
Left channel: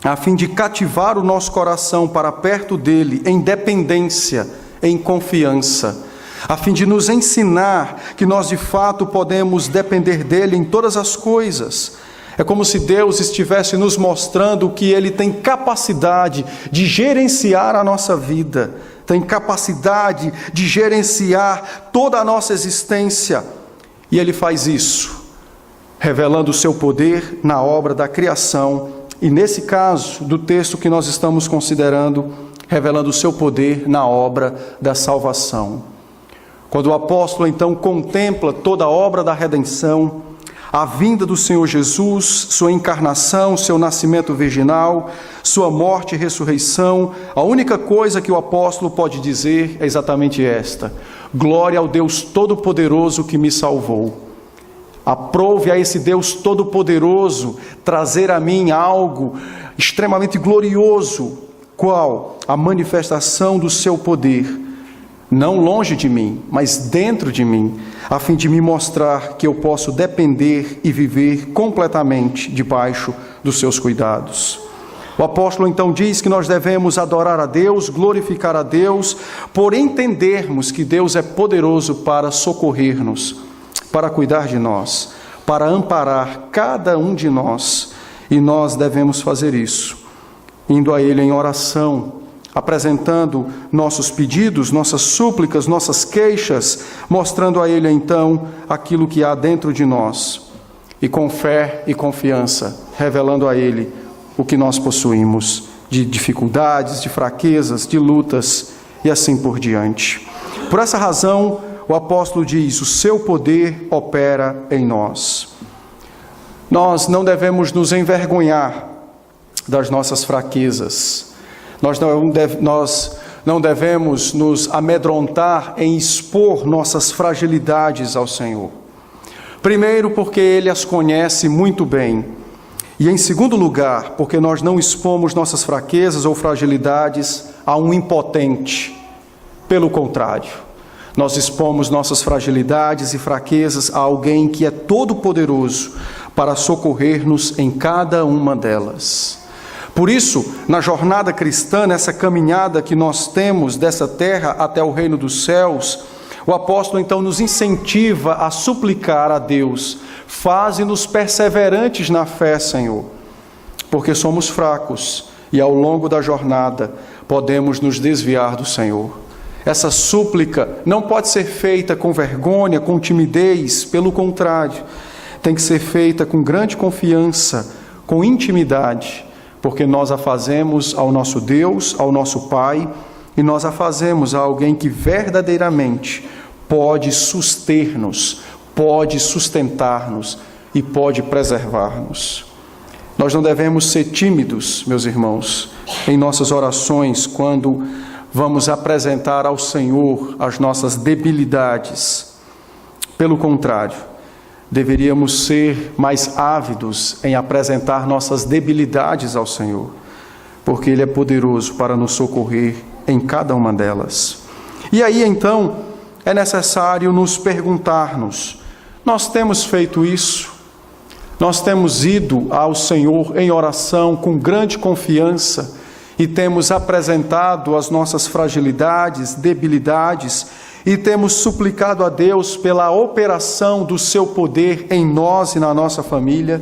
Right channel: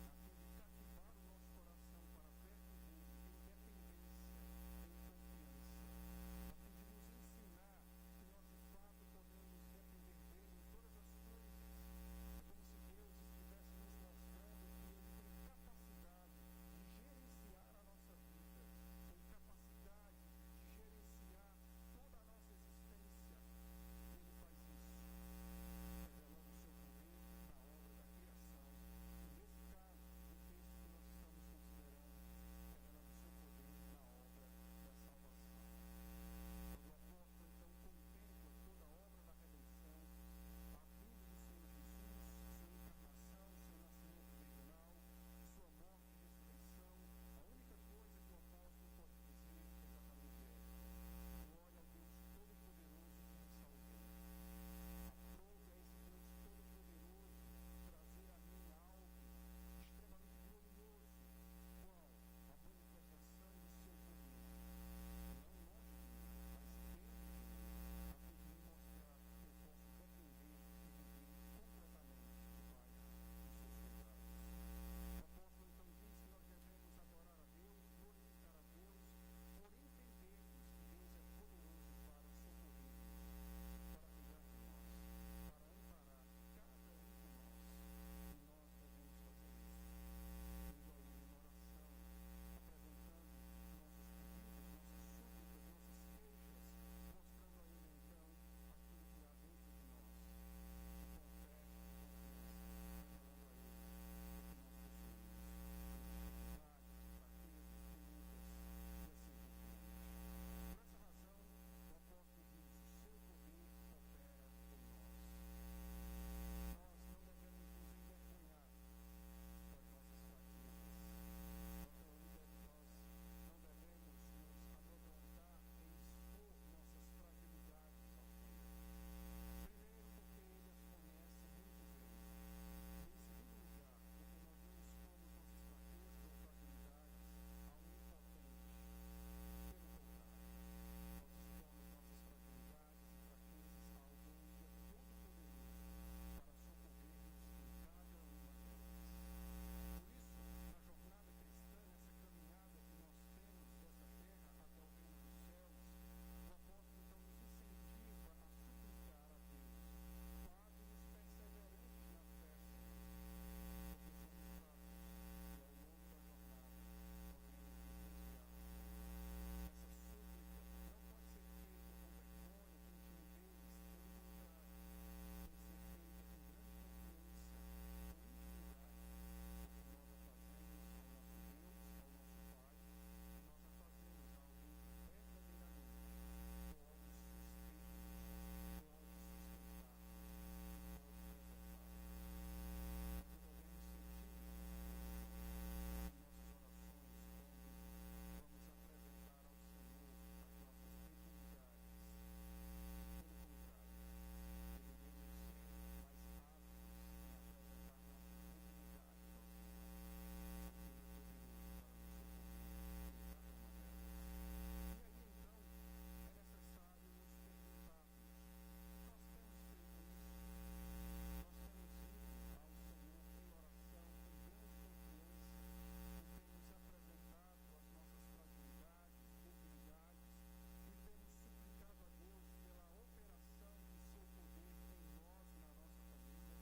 a fim de cativar o nosso coração para perto dele, em dependência, em confiança, a fim de nos ensinar que nós de fato podemos depender dele em todas as coisas. É como se Deus estivesse nos mostrando que ele tem capacidade de gerenciar a nossa vida, tem capacidade de gerenciar toda a nossa existência, e ele faz isso, revelando o seu poder na obra da criação, e nesse caso, do texto que nós estamos considerando, revelando o seu poder na obra da salvação. Quando o apóstolo então contempla toda a obra da redenção, a vinda do Senhor Jesus, sua encarnação, seu nascimento virginal, sua morte e ressurreição, a única coisa que o apóstolo pode dizer é exatamente esta: glória ao Deus Todo-Poderoso que me salvou. Aprove a esse Deus Todo-Poderoso trazer a mim algo extremamente glorioso. Qual? A manifestação do seu poder não longe de mim, mas dentro de mim, a fim de me mostrar que eu posso depender e viver completamente debaixo dos seus cuidados. O apóstolo então diz que nós devemos adorar a Deus, glorificar a Deus, por entendermos que Deus é poderoso para socorrer-nos, para cuidar de nós, para amparar cada um de nós. E nós devemos fazer isso, indo a Ele em oração, apresentando nossos pedidos, nossas súplicas, nossas queixas, mostrando a Ele então aquilo que há dentro de nós, e com fé e confiança, revelando a Ele o que nós possuímos de dificuldades, de fraquezas, de lutas e assim por diante. Por essa razão, o apóstolo diz: o seu poder opera em nós. Nós não devemos nos envergonhar das nossas fraquezas. Nós não devemos nos amedrontar em expor nossas fragilidades ao Senhor. Primeiro, porque Ele as conhece muito bem. E em segundo lugar, porque nós não expomos nossas fraquezas ou fragilidades a um impotente. Pelo contrário, nós expomos nossas fragilidades e fraquezas a alguém que é todo-poderoso para socorrer-nos em cada uma delas. Por isso, na jornada cristã, nessa caminhada que nós temos dessa terra até o reino dos céus, o apóstolo então nos incentiva a suplicar a Deus: faze-nos perseverantes na fé, Senhor, porque somos fracos e ao longo da jornada podemos nos desviar do Senhor. Essa súplica não pode ser feita com vergonha, com timidez, pelo contrário, tem que ser feita com grande confiança, com intimidade, porque nós a fazemos ao nosso Deus, ao nosso Pai, e nós a fazemos a alguém que verdadeiramente pode suster-nos, pode sustentar-nos e pode preservar-nos. Nós não devemos ser tímidos, meus irmãos, em nossas orações, quando vamos apresentar ao Senhor as nossas debilidades. Pelo contrário, deveríamos ser mais ávidos em apresentar nossas debilidades ao Senhor, porque Ele é poderoso para nos socorrer em cada uma delas. E aí, então, é necessário nos perguntarmos: nós temos feito isso? Nós temos ido ao Senhor em oração com grande confiança e temos apresentado as nossas fragilidades, debilidades, e temos suplicado a Deus pela operação do seu poder em nós e na nossa família?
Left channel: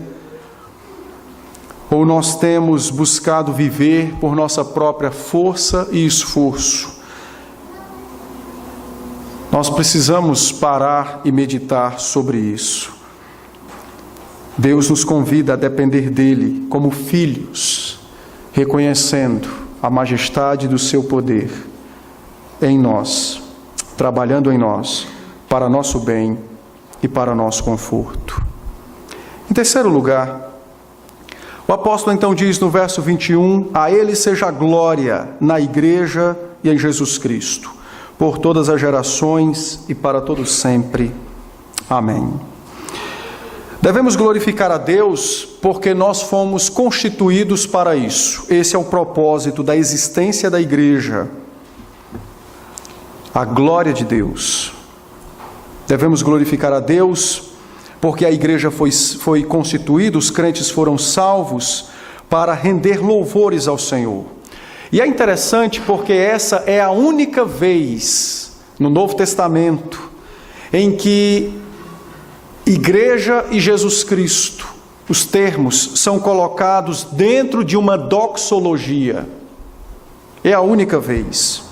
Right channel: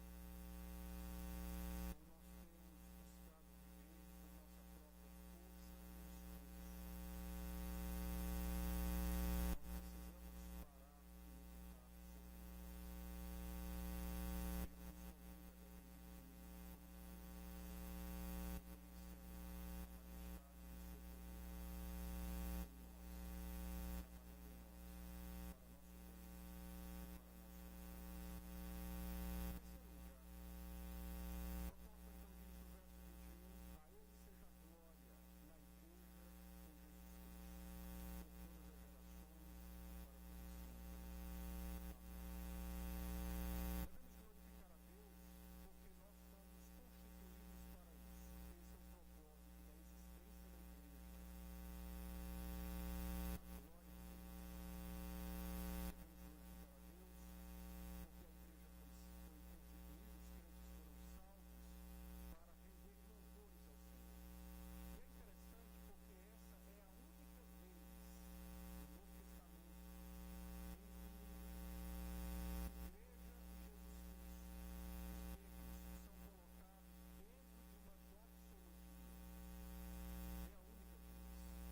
Ou nós temos buscado viver por nossa própria força e esforço? Nós precisamos parar e meditar sobre isso. Deus nos convida a depender dEle como filhos, reconhecendo a majestade do seu poder em nós, trabalhando em nós, para nosso bem e para nosso conforto. Em terceiro lugar, o apóstolo então diz no verso 21, a Ele seja a glória na igreja e em Jesus Cristo, por todas as gerações e para todos sempre. Amém. Devemos glorificar a Deus porque nós fomos constituídos para isso. Esse é o propósito da existência da igreja. A glória de Deus. Devemos glorificar a Deus porque a igreja foi constituída, os crentes foram salvos para render louvores ao Senhor. E é interessante porque essa é a única vez no Novo Testamento em que igreja e Jesus Cristo, os termos são colocados dentro de uma doxologia. É a única vez.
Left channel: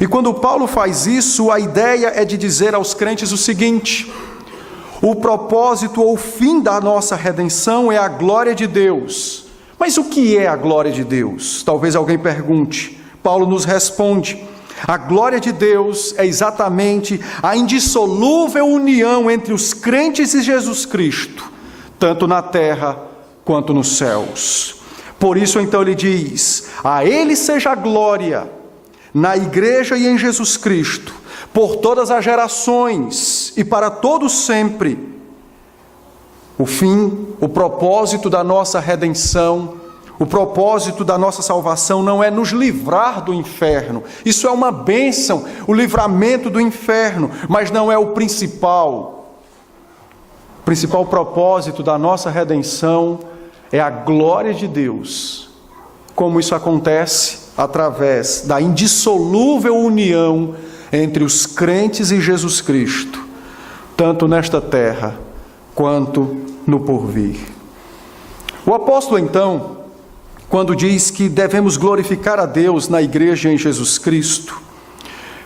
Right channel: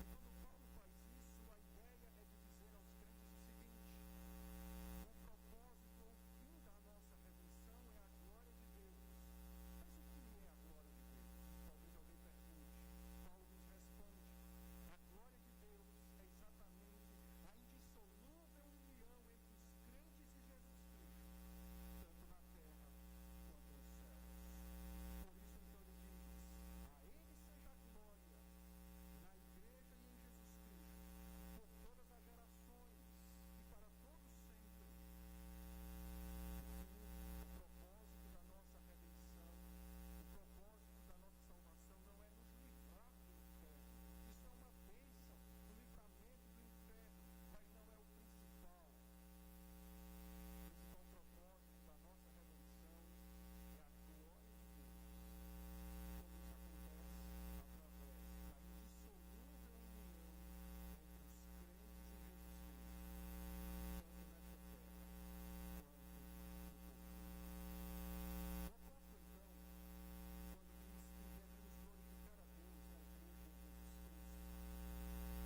E quando Paulo faz isso, a ideia é de dizer aos crentes o seguinte: o propósito ou o fim da nossa redenção é a glória de Deus. Mas o que é a glória de Deus? Talvez alguém pergunte. Paulo nos responde: a glória de Deus é exatamente a indissolúvel união entre os crentes e Jesus Cristo, tanto na terra quanto nos céus. Por isso, então, ele diz: a Ele seja a glória, na igreja e em Jesus Cristo, por todas as gerações e para todos sempre. O fim, o propósito da nossa redenção, O propósito da nossa salvação não é nos livrar do inferno. Isso é uma bênção, o livramento do inferno, mas não é o principal. O principal propósito da nossa redenção é a glória de Deus. Como isso acontece? Através da indissolúvel união entre os crentes e Jesus Cristo, tanto nesta terra quanto no porvir. O apóstolo, então, quando diz que devemos glorificar a Deus na igreja em Jesus Cristo,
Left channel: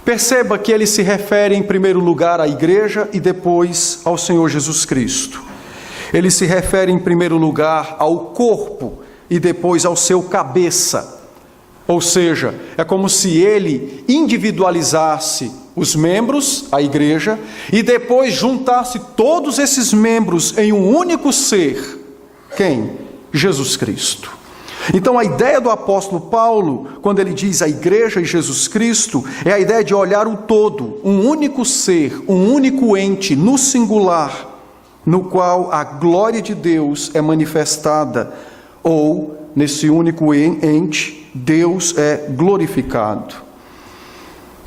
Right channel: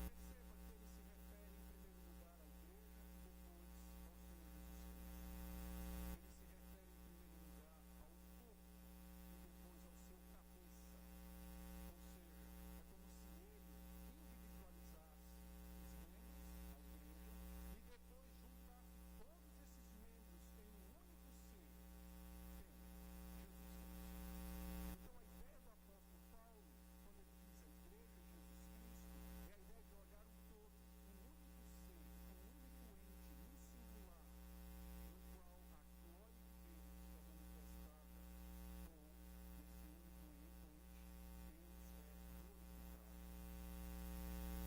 perceba que ele se refere em primeiro lugar à igreja e depois ao Senhor Jesus Cristo. Ele se refere em primeiro lugar ao corpo e depois ao seu cabeça. Ou seja, é como se ele individualizasse os membros, a igreja, e depois juntasse todos esses membros em um único ser. Quem? Jesus Cristo. Então a ideia do apóstolo Paulo, quando ele diz a igreja e Jesus Cristo, é a ideia de olhar o todo, um único ser, um único ente, no singular, no qual a glória de Deus é manifestada, ou nesse único ente, Deus é glorificado.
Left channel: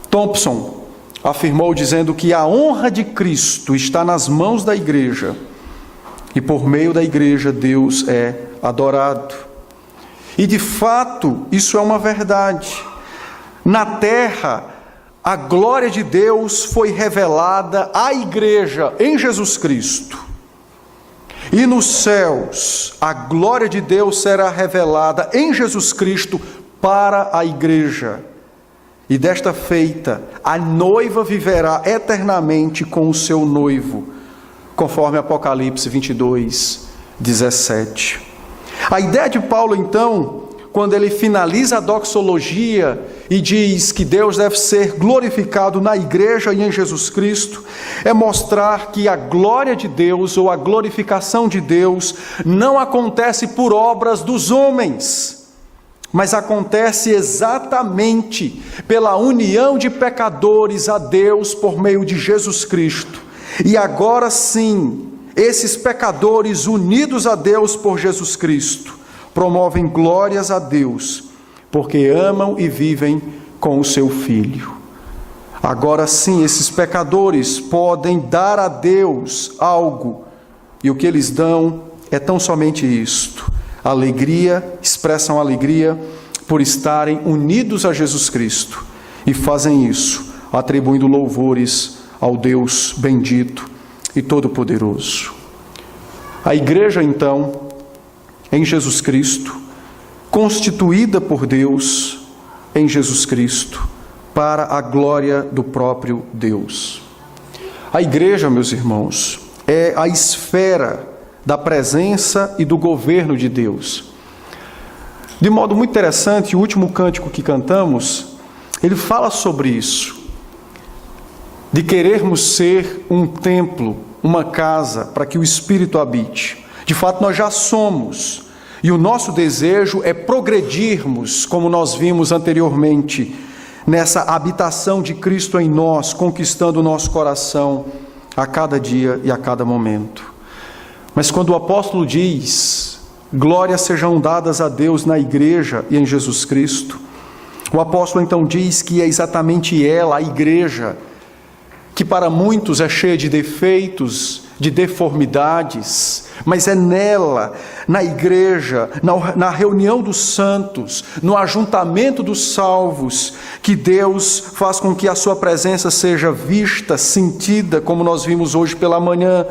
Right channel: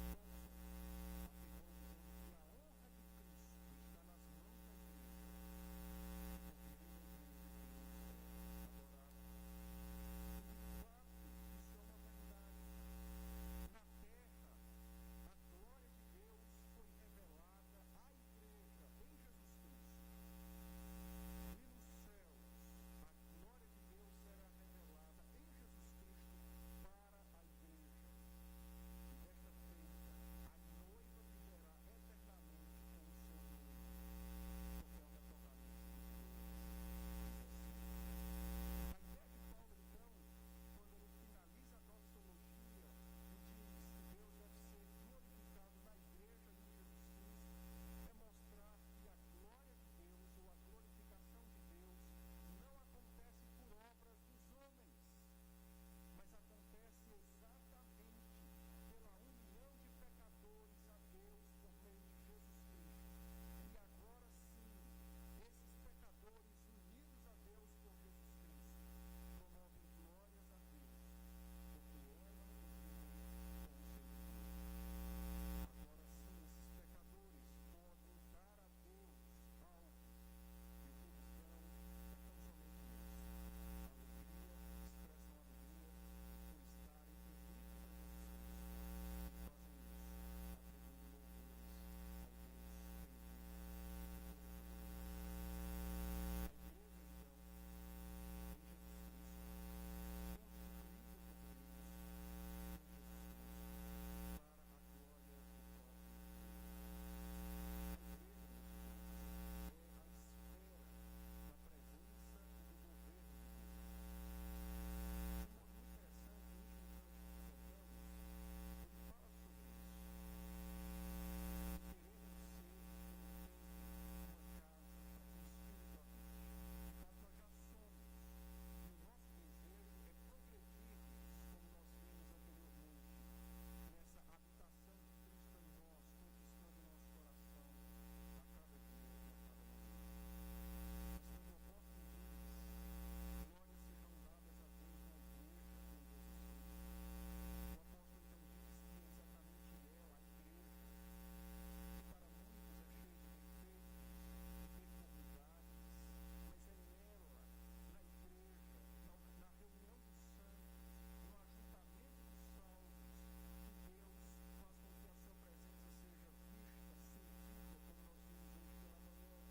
Thompson afirmou dizendo que a honra de Cristo está nas mãos da igreja e por meio da igreja Deus é adorado. E de fato isso é uma verdade. Na terra a glória de Deus foi revelada à igreja em Jesus Cristo. E nos céus, a glória de Deus será revelada em Jesus Cristo para a igreja. E desta feita, a noiva viverá eternamente com o seu noivo, conforme Apocalipse 22, 17. A ideia de Paulo, então, quando ele finaliza a doxologia e diz que Deus deve ser glorificado na igreja e em Jesus Cristo, é mostrar que a glória de Deus ou a glorificação de Deus não acontece por obras dos homens, mas acontece exatamente pela união de pecadores a Deus por meio de Jesus Cristo. E agora sim, esses pecadores unidos a Deus por Jesus Cristo promovem glórias a Deus, porque amam e vivem com o seu Filho. Agora sim, esses pecadores podem dar a Deus algo, e o que eles dão é tão somente isto: alegria, expressam alegria por estarem unidos a Jesus Cristo, e fazem isso atribuindo louvores ao Deus bendito e todo-poderoso. A igreja, então, em Jesus Cristo, constituída por Deus em Jesus Cristo, para a glória do próprio Deus. A igreja, meus irmãos, é a esfera da presença e do governo de Deus. De modo muito interessante, o último cântico que cantamos, ele fala sobre isso, de querermos ser um templo, uma casa, para que o Espírito habite. De fato, nós já somos, e o nosso desejo é progredirmos, como nós vimos anteriormente, nessa habitação de Cristo em nós, conquistando o nosso coração a cada dia e a cada momento. Mas quando o apóstolo diz, glórias sejam dadas a Deus na igreja e em Jesus Cristo, o apóstolo então diz que é exatamente ela, a igreja, que para muitos é cheia de defeitos, de deformidades, mas é nela, na igreja, na reunião dos santos, no ajuntamento dos salvos, que Deus faz com que a sua presença seja vista, sentida, como nós vimos hoje pela manhã.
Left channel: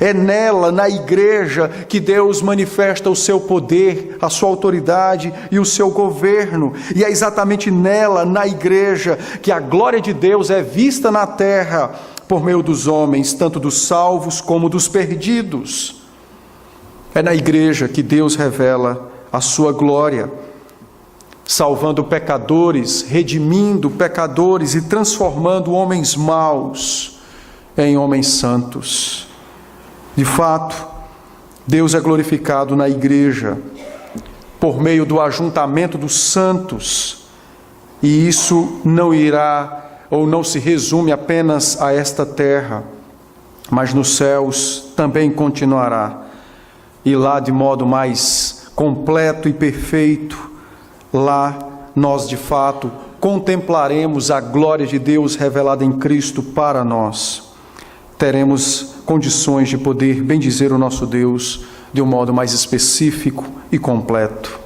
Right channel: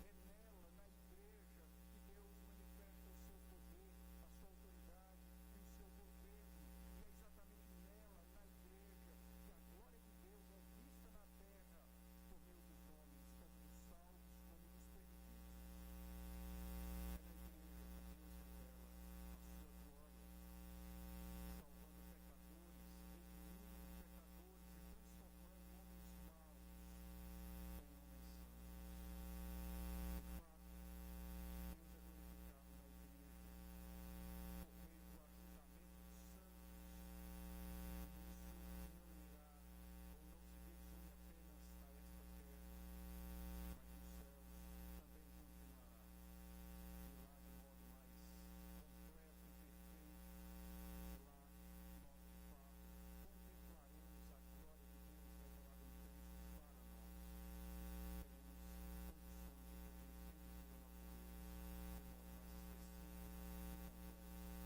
É nela, na igreja, que Deus manifesta o seu poder, a sua autoridade e o seu governo. E é exatamente nela, na igreja, que a glória de Deus é vista na terra, por meio dos homens, tanto dos salvos como dos perdidos. É na igreja que Deus revela a sua glória, salvando pecadores, redimindo pecadores e transformando homens maus em homens santos. De fato, Deus é glorificado na igreja por meio do ajuntamento dos santos, e isso não irá ou não se resume apenas a esta terra, mas nos céus também continuará. E lá, de modo mais completo e perfeito, lá nós de fato contemplaremos a glória de Deus revelada em Cristo para nós. Teremos condições de poder bendizer o nosso Deus de um modo mais específico e completo.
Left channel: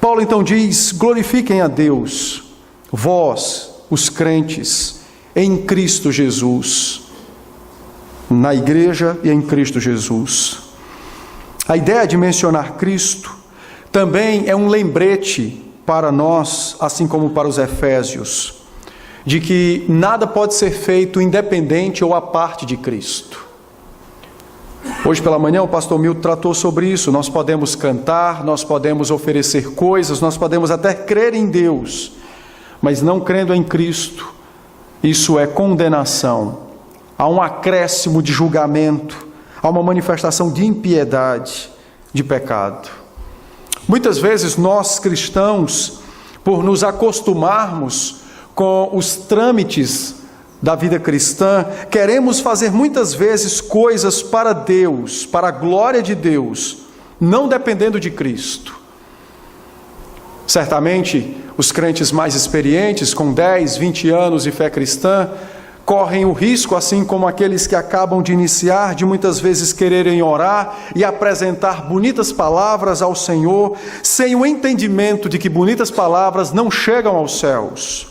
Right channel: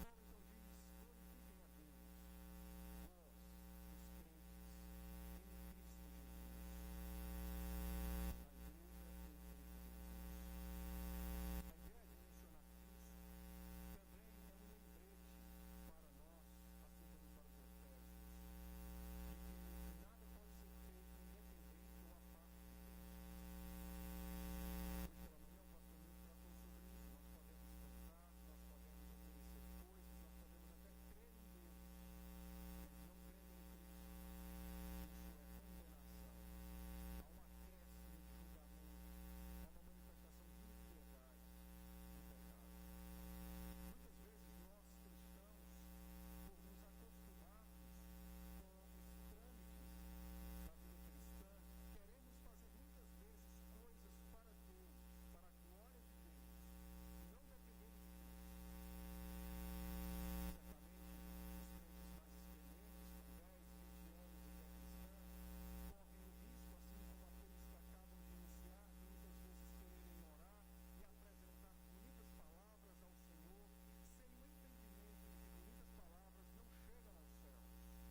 Paulo então diz: glorifiquem a Deus, vós, os crentes, em Cristo Jesus, na igreja e em Cristo Jesus. A ideia de mencionar Cristo também é um lembrete para nós, assim como para os efésios, de que nada pode ser feito independente ou à parte de Cristo. Hoje pela manhã o pastor Milton tratou sobre isso. Nós podemos cantar, nós podemos oferecer coisas, nós podemos até crer em Deus, mas não crendo em Cristo, isso é condenação. Há um acréscimo de julgamento, há uma manifestação de impiedade, de pecado. Muitas vezes nós cristãos, por nos acostumarmos com os trâmites da vida cristã, queremos fazer muitas vezes coisas para Deus, para a glória de Deus, não dependendo de Cristo. Certamente, os crentes mais experientes, com 10, 20 anos de fé cristã, correm o risco, assim como aqueles que acabam de iniciar, de muitas vezes quererem orar e apresentar bonitas palavras ao Senhor, sem o entendimento de que bonitas palavras não chegam aos céus,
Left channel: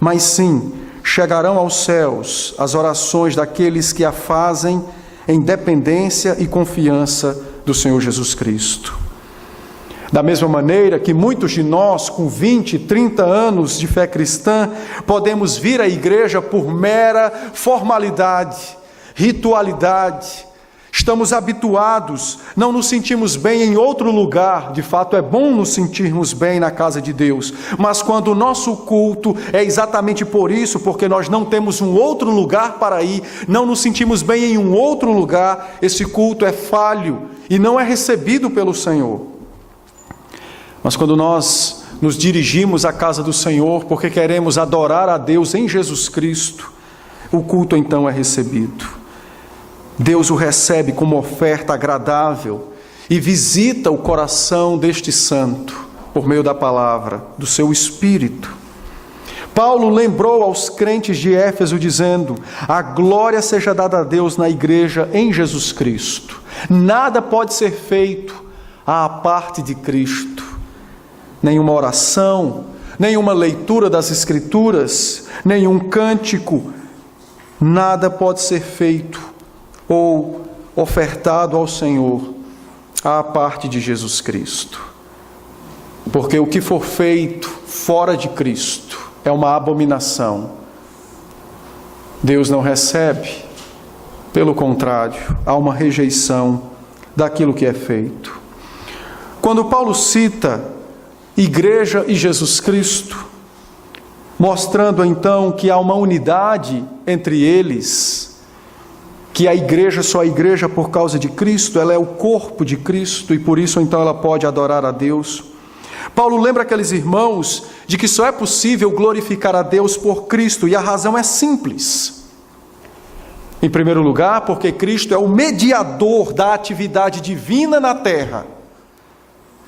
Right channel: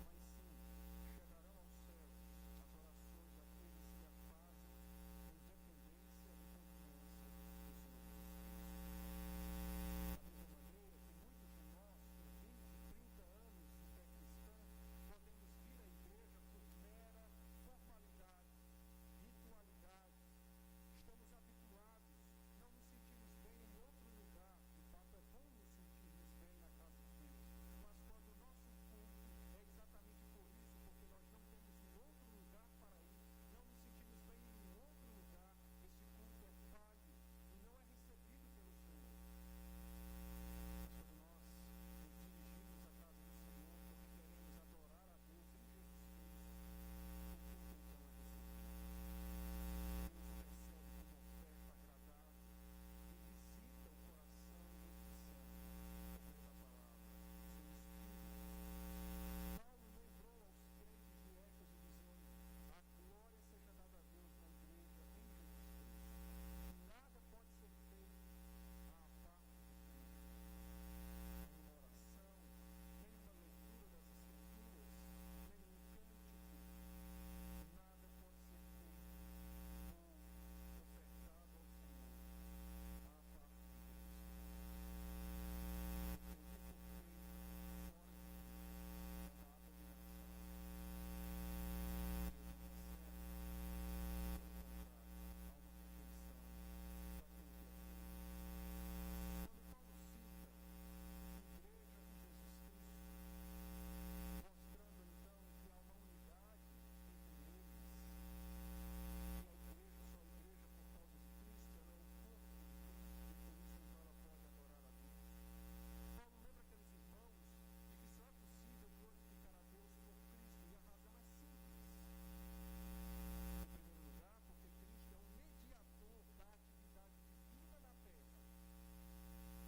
mas sim chegarão aos céus as orações daqueles que a fazem em dependência e confiança do Senhor Jesus Cristo. Da mesma maneira que muitos de nós, com 20, 30 anos de fé cristã, podemos vir à igreja por mera formalidade, ritualidade. Estamos habituados, não nos sentimos bem em outro lugar. De fato, é bom nos sentirmos bem na casa de Deus, mas quando o nosso culto é exatamente por isso, porque nós não temos um outro lugar para ir, não nos sentimos bem em um outro lugar, esse culto é falho e não é recebido pelo Senhor. Mas quando nós nos dirigimos à casa do Senhor, porque queremos adorar a Deus em Jesus Cristo, o culto então é recebido. Deus o recebe como oferta agradável e visita o coração deste santo por meio da palavra, do seu Espírito. Paulo lembrou aos crentes de Éfeso dizendo: a glória seja dada a Deus na igreja em Jesus Cristo. Nada pode ser feito à parte de Cristo. Nenhuma oração, nenhuma leitura das Escrituras, nenhum cântico, nada pode ser feito ou ofertado ao Senhor à parte de Jesus Cristo. Porque o que for feito fora de Cristo é uma abominação. Deus não recebe, pelo contrário, há uma rejeição daquilo que é feito. Quando Paulo cita igreja e Jesus Cristo, mostrando então que há uma unidade entre eles, que a igreja só é igreja por causa de Cristo, ela é o corpo de Cristo e por isso então ela pode adorar a Deus. Paulo lembra aqueles irmãos de que só é possível glorificar a Deus por Cristo e a razão é simples. Em primeiro lugar, porque Cristo é o mediador da atividade divina na terra.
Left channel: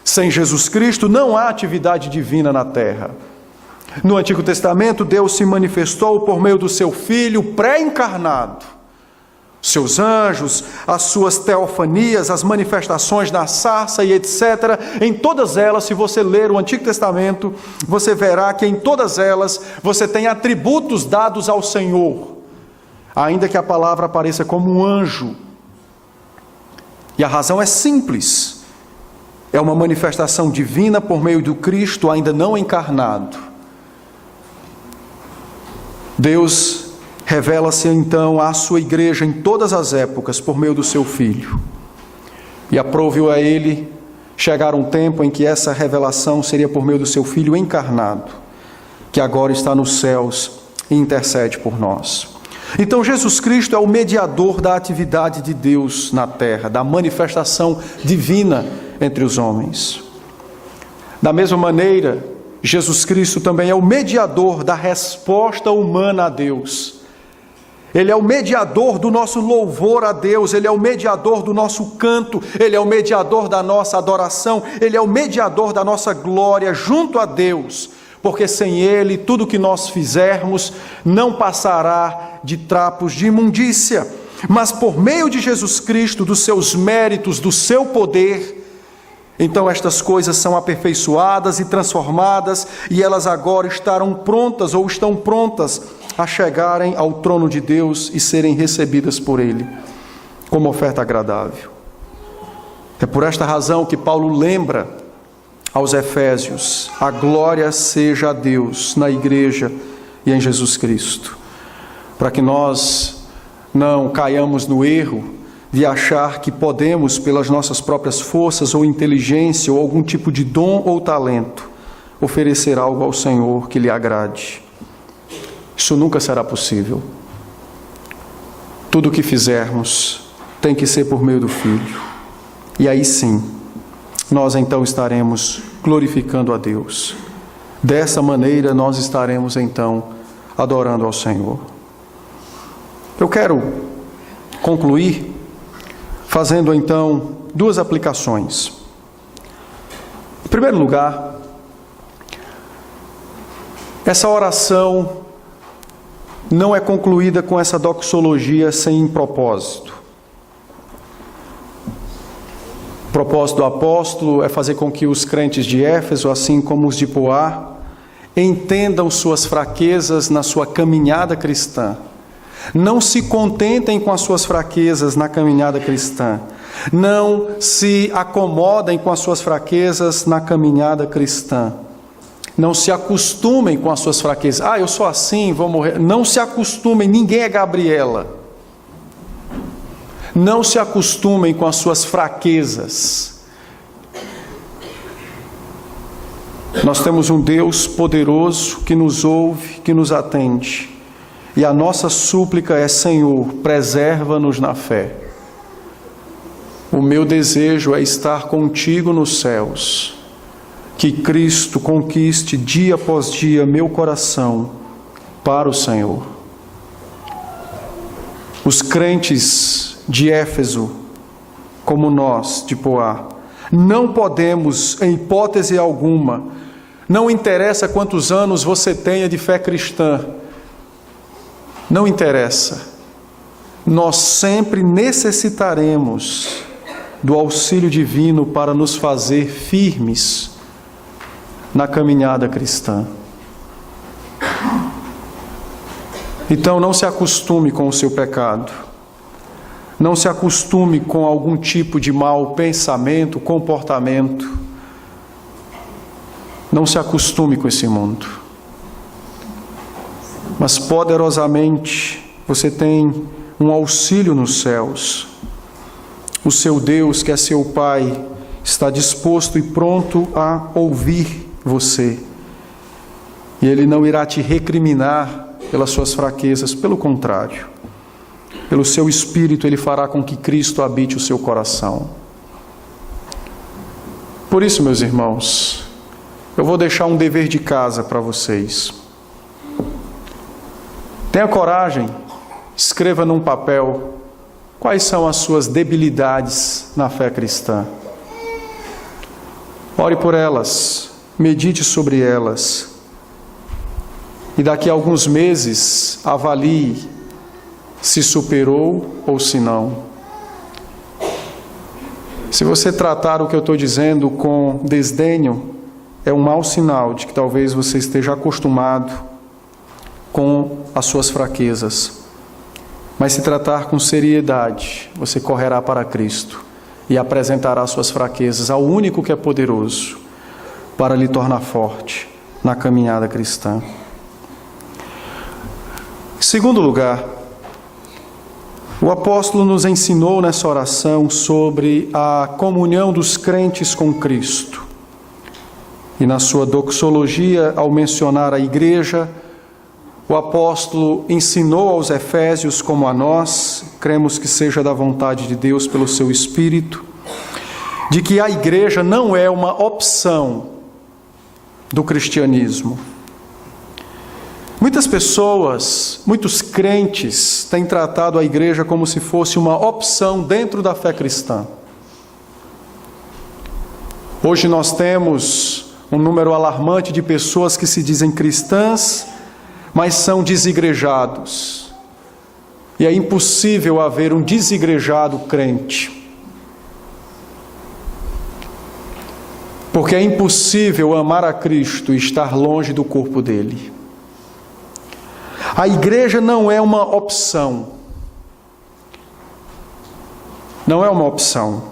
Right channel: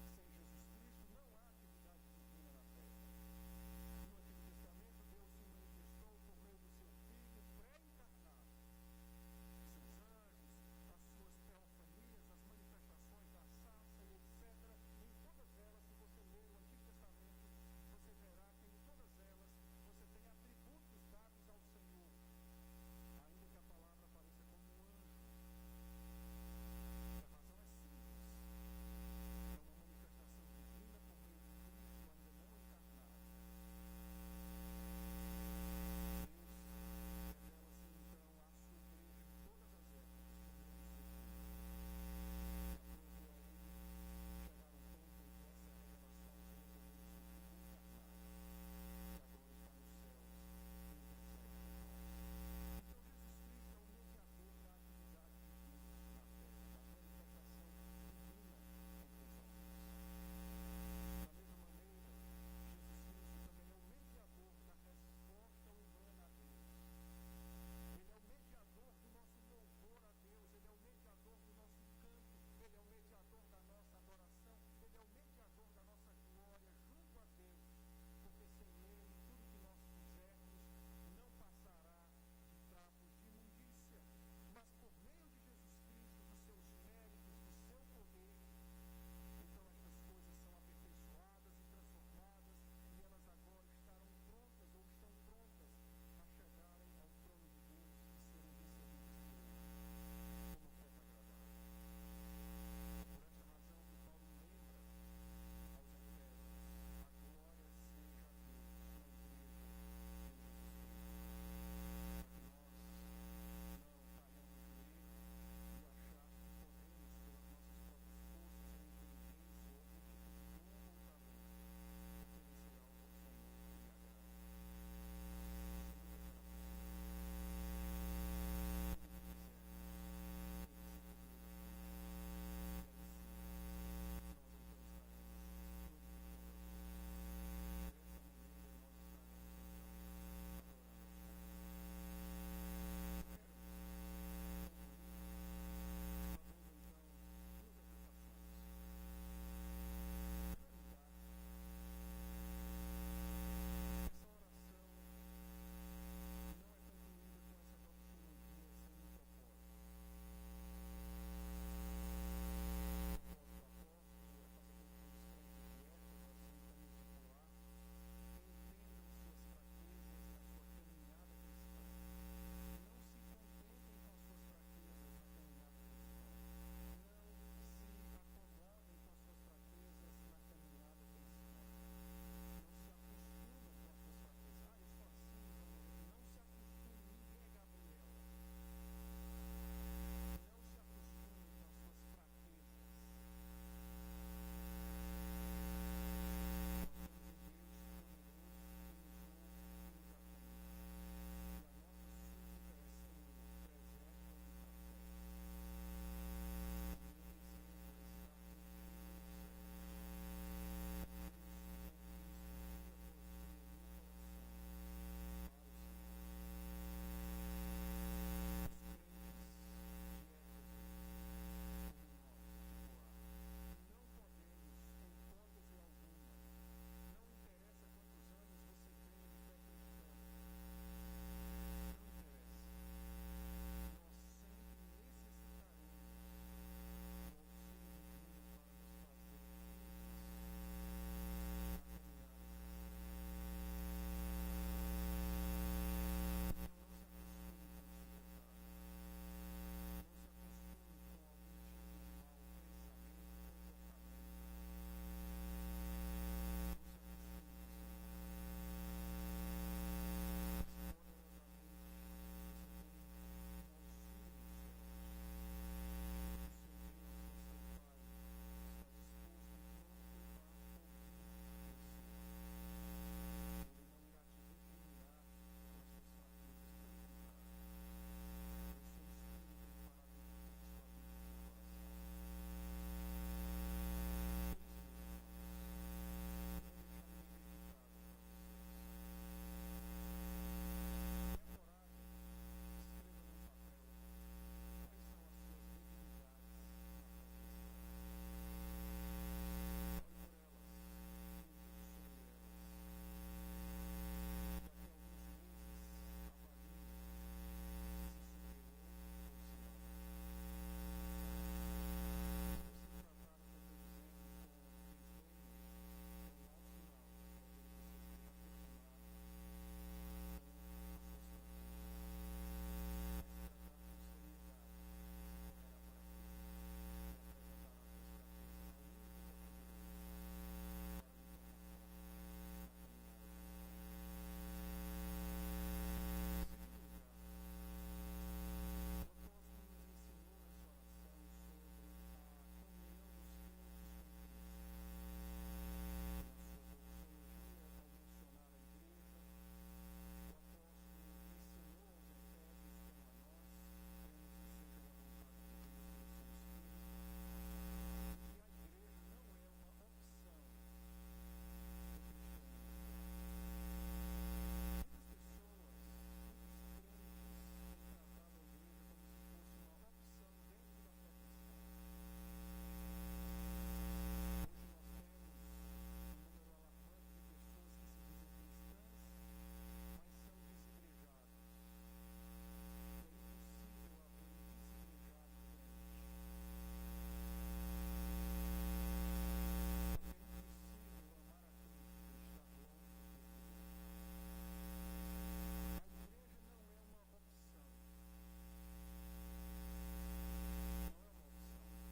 Sem Jesus Cristo não há atividade divina na terra. No Antigo Testamento, Deus se manifestou por meio do seu Filho pré-encarnado. Seus anjos, as suas teofanias, as manifestações na sarça e etc. Em todas elas, se você ler o Antigo Testamento, você verá que em todas elas você tem atributos dados ao Senhor, ainda que a palavra apareça como um anjo. E a razão é simples. É uma manifestação divina por meio do Cristo ainda não encarnado. Deus revela-se então à sua igreja em todas as épocas por meio do seu Filho. E aprove-o a ele chegar um tempo em que essa revelação seria por meio do seu Filho encarnado, que agora está nos céus e intercede por nós. Então Jesus Cristo é o mediador da atividade de Deus na terra, da manifestação divina entre os homens. Da mesma maneira, Jesus Cristo também é o mediador da resposta humana a Deus. Ele é o mediador do nosso louvor a Deus, Ele é o mediador do nosso canto, Ele é o mediador da nossa adoração, Ele é o mediador da nossa glória junto a Deus, porque sem Ele tudo que nós fizermos não passará de trapos de imundícia, mas por meio de Jesus Cristo, dos seus méritos, do seu poder, então estas coisas são aperfeiçoadas e transformadas, e elas agora estarão prontas ou estão prontas a chegarem ao trono de Deus e serem recebidas por Ele como oferta agradável. É por esta razão que Paulo lembra aos Efésios: a glória seja a Deus na igreja e em Jesus Cristo, para que nós não caiamos no erro de achar que podemos, pelas nossas próprias forças ou inteligência ou algum tipo de dom ou talento, oferecer algo ao Senhor que lhe agrade. Isso nunca será possível. Tudo o que fizermos tem que ser por meio do Filho. E aí sim, nós então estaremos glorificando a Deus. Dessa maneira nós estaremos então adorando ao Senhor. Eu quero concluir fazendo então duas aplicações. Em primeiro lugar, essa oração não é concluída com essa doxologia sem propósito. O propósito do apóstolo é fazer com que os crentes de Éfeso, assim como os de Poá, entendam suas fraquezas na sua caminhada cristã. Não se contentem com as suas fraquezas na caminhada cristã. Não se acomodem com as suas fraquezas na caminhada cristã. Não se acostumem com as suas fraquezas. Ah, eu sou assim, vou morrer. Não se acostumem, ninguém é Gabriela. Não se acostumem com as suas fraquezas. Nós temos um Deus poderoso que nos ouve, que nos atende. E a nossa súplica é: Senhor, preserva-nos na fé. O meu desejo é estar contigo nos céus. Que Cristo conquiste dia após dia meu coração para o Senhor. Os crentes de Éfeso, como nós de Poá, não podemos, em hipótese alguma, não interessa quantos anos você tenha de fé cristã, não interessa, nós sempre necessitaremos do auxílio divino para nos fazer firmes na caminhada cristã. Então não se acostume com o seu pecado, não se acostume com algum tipo de mau pensamento, comportamento, não se acostume com esse mundo. Mas poderosamente você tem um auxílio nos céus. O seu Deus, que é seu Pai, está disposto e pronto a ouvir você. E Ele não irá te recriminar pelas suas fraquezas, pelo contrário. Pelo seu Espírito Ele fará com que Cristo habite o seu coração. Por isso, meus irmãos, eu vou deixar um dever de casa para vocês. Tenha coragem, escreva num papel quais são as suas debilidades na fé cristã. Ore por elas, medite sobre elas. E daqui a alguns meses, avalie se superou ou se não. Se você tratar o que eu estou dizendo com desdenho, é um mau sinal de que talvez você esteja acostumado com as suas fraquezas. Mas se tratar com seriedade, você correrá para Cristo e apresentará suas fraquezas ao único que é poderoso para lhe tornar forte na caminhada cristã. Em segundo lugar, o apóstolo nos ensinou nessa oração sobre a comunhão dos crentes com Cristo. E na sua doxologia, ao mencionar a igreja, o apóstolo ensinou aos Efésios, como a nós, cremos que seja da vontade de Deus pelo seu Espírito, de que a igreja não é uma opção do cristianismo. Muitas pessoas, muitos crentes têm tratado a igreja como se fosse uma opção dentro da fé cristã. Hoje nós temos um número alarmante de pessoas que se dizem cristãs, mas são desigrejados. E é impossível haver um desigrejado crente. Porque é impossível amar a Cristo e estar longe do corpo dele. A igreja não é uma opção. Não é uma opção.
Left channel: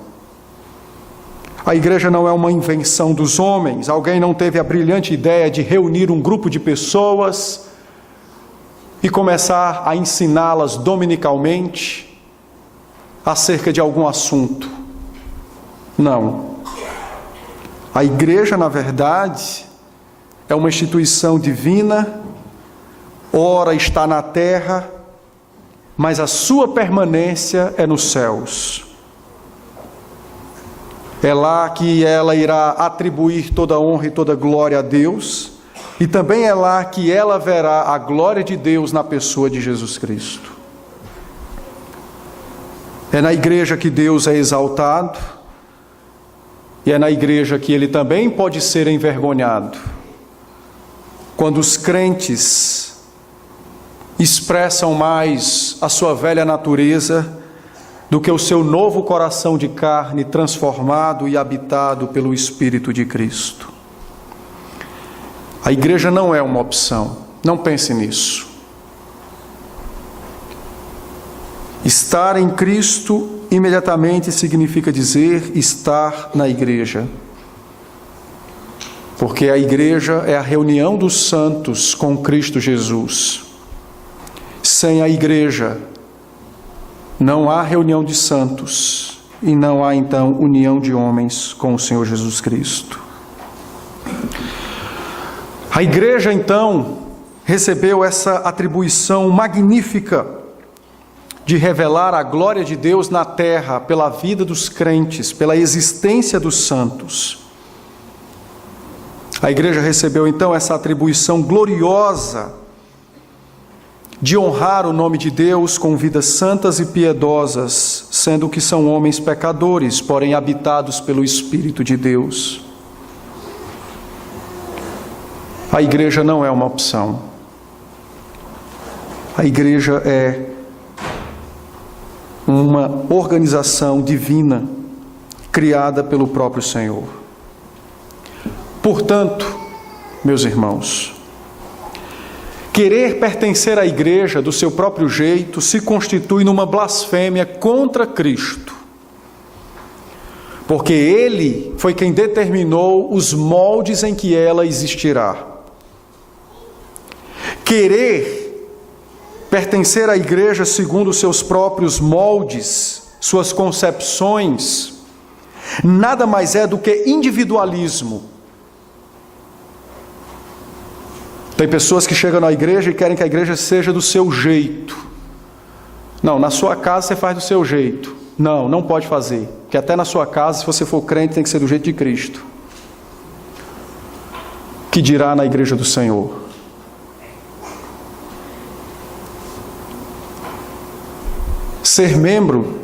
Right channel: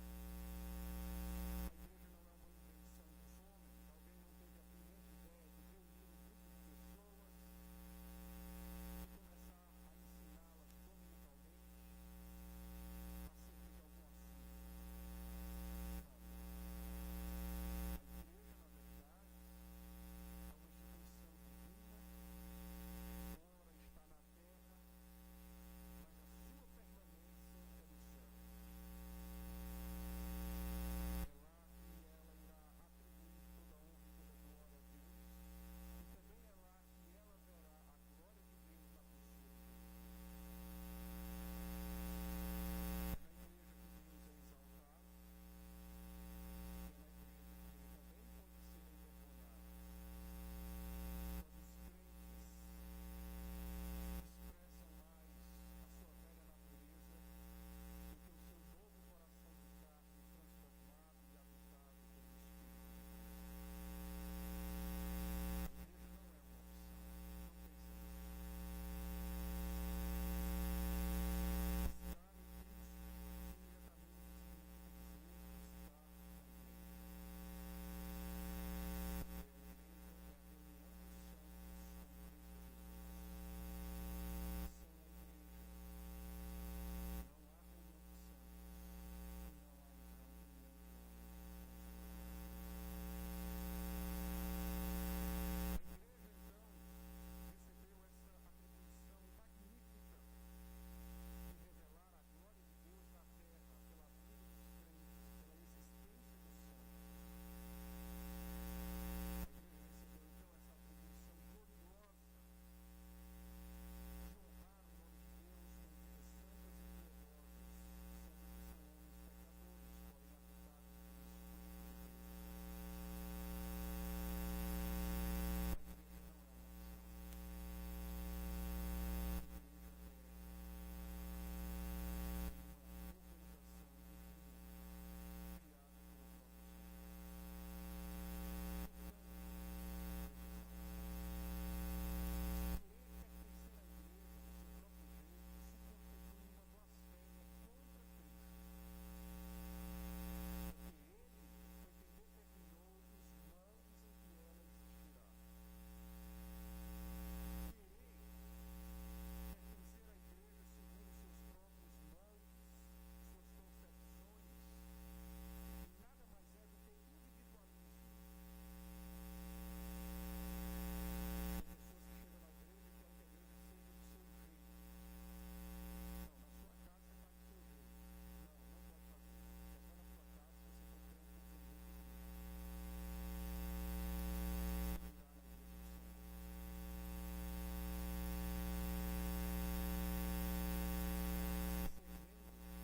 A igreja não é uma invenção dos homens. Alguém não teve a brilhante ideia de reunir um grupo de pessoas e começar a ensiná-las dominicalmente acerca de algum assunto. Não. A igreja, na verdade, é uma instituição divina, ora está na terra, mas a sua permanência é nos céus. É lá que ela irá atribuir toda a honra e toda a glória a Deus, e também é lá que ela verá a glória de Deus na pessoa de Jesus Cristo. É na igreja que Deus é exaltado, e é na igreja que ele também pode ser envergonhado. Quando os crentes expressam mais a sua velha natureza do que o seu novo coração de carne transformado e habitado pelo Espírito de Cristo. A igreja não é uma opção, não pense nisso. Estar em Cristo imediatamente significa dizer estar na igreja. Porque a igreja é a reunião dos santos com Cristo Jesus. Sem a igreja, não há reunião de santos e não há então união de homens com o Senhor Jesus Cristo. A igreja então recebeu essa atribuição magnífica de revelar a glória de Deus na terra pela vida dos crentes, pela existência dos santos. A igreja recebeu então essa atribuição gloriosa de honrar o nome de Deus com vidas santas e piedosas, sendo que são homens pecadores, porém habitados pelo Espírito de Deus. A igreja não é uma opção. A igreja é uma organização divina criada pelo próprio Senhor. Portanto, meus irmãos, querer pertencer à igreja do seu próprio jeito se constitui numa blasfêmia contra Cristo, porque Ele foi quem determinou os moldes em que ela existirá. Querer pertencer à igreja segundo os seus próprios moldes, suas concepções, nada mais é do que individualismo. Tem pessoas que chegam na igreja e querem que a igreja seja do seu jeito. Não, na sua casa você faz do seu jeito. Não, não pode fazer. Porque até na sua casa, se você for crente, tem que ser do jeito de Cristo. Que dirá na igreja do Senhor? Ser membro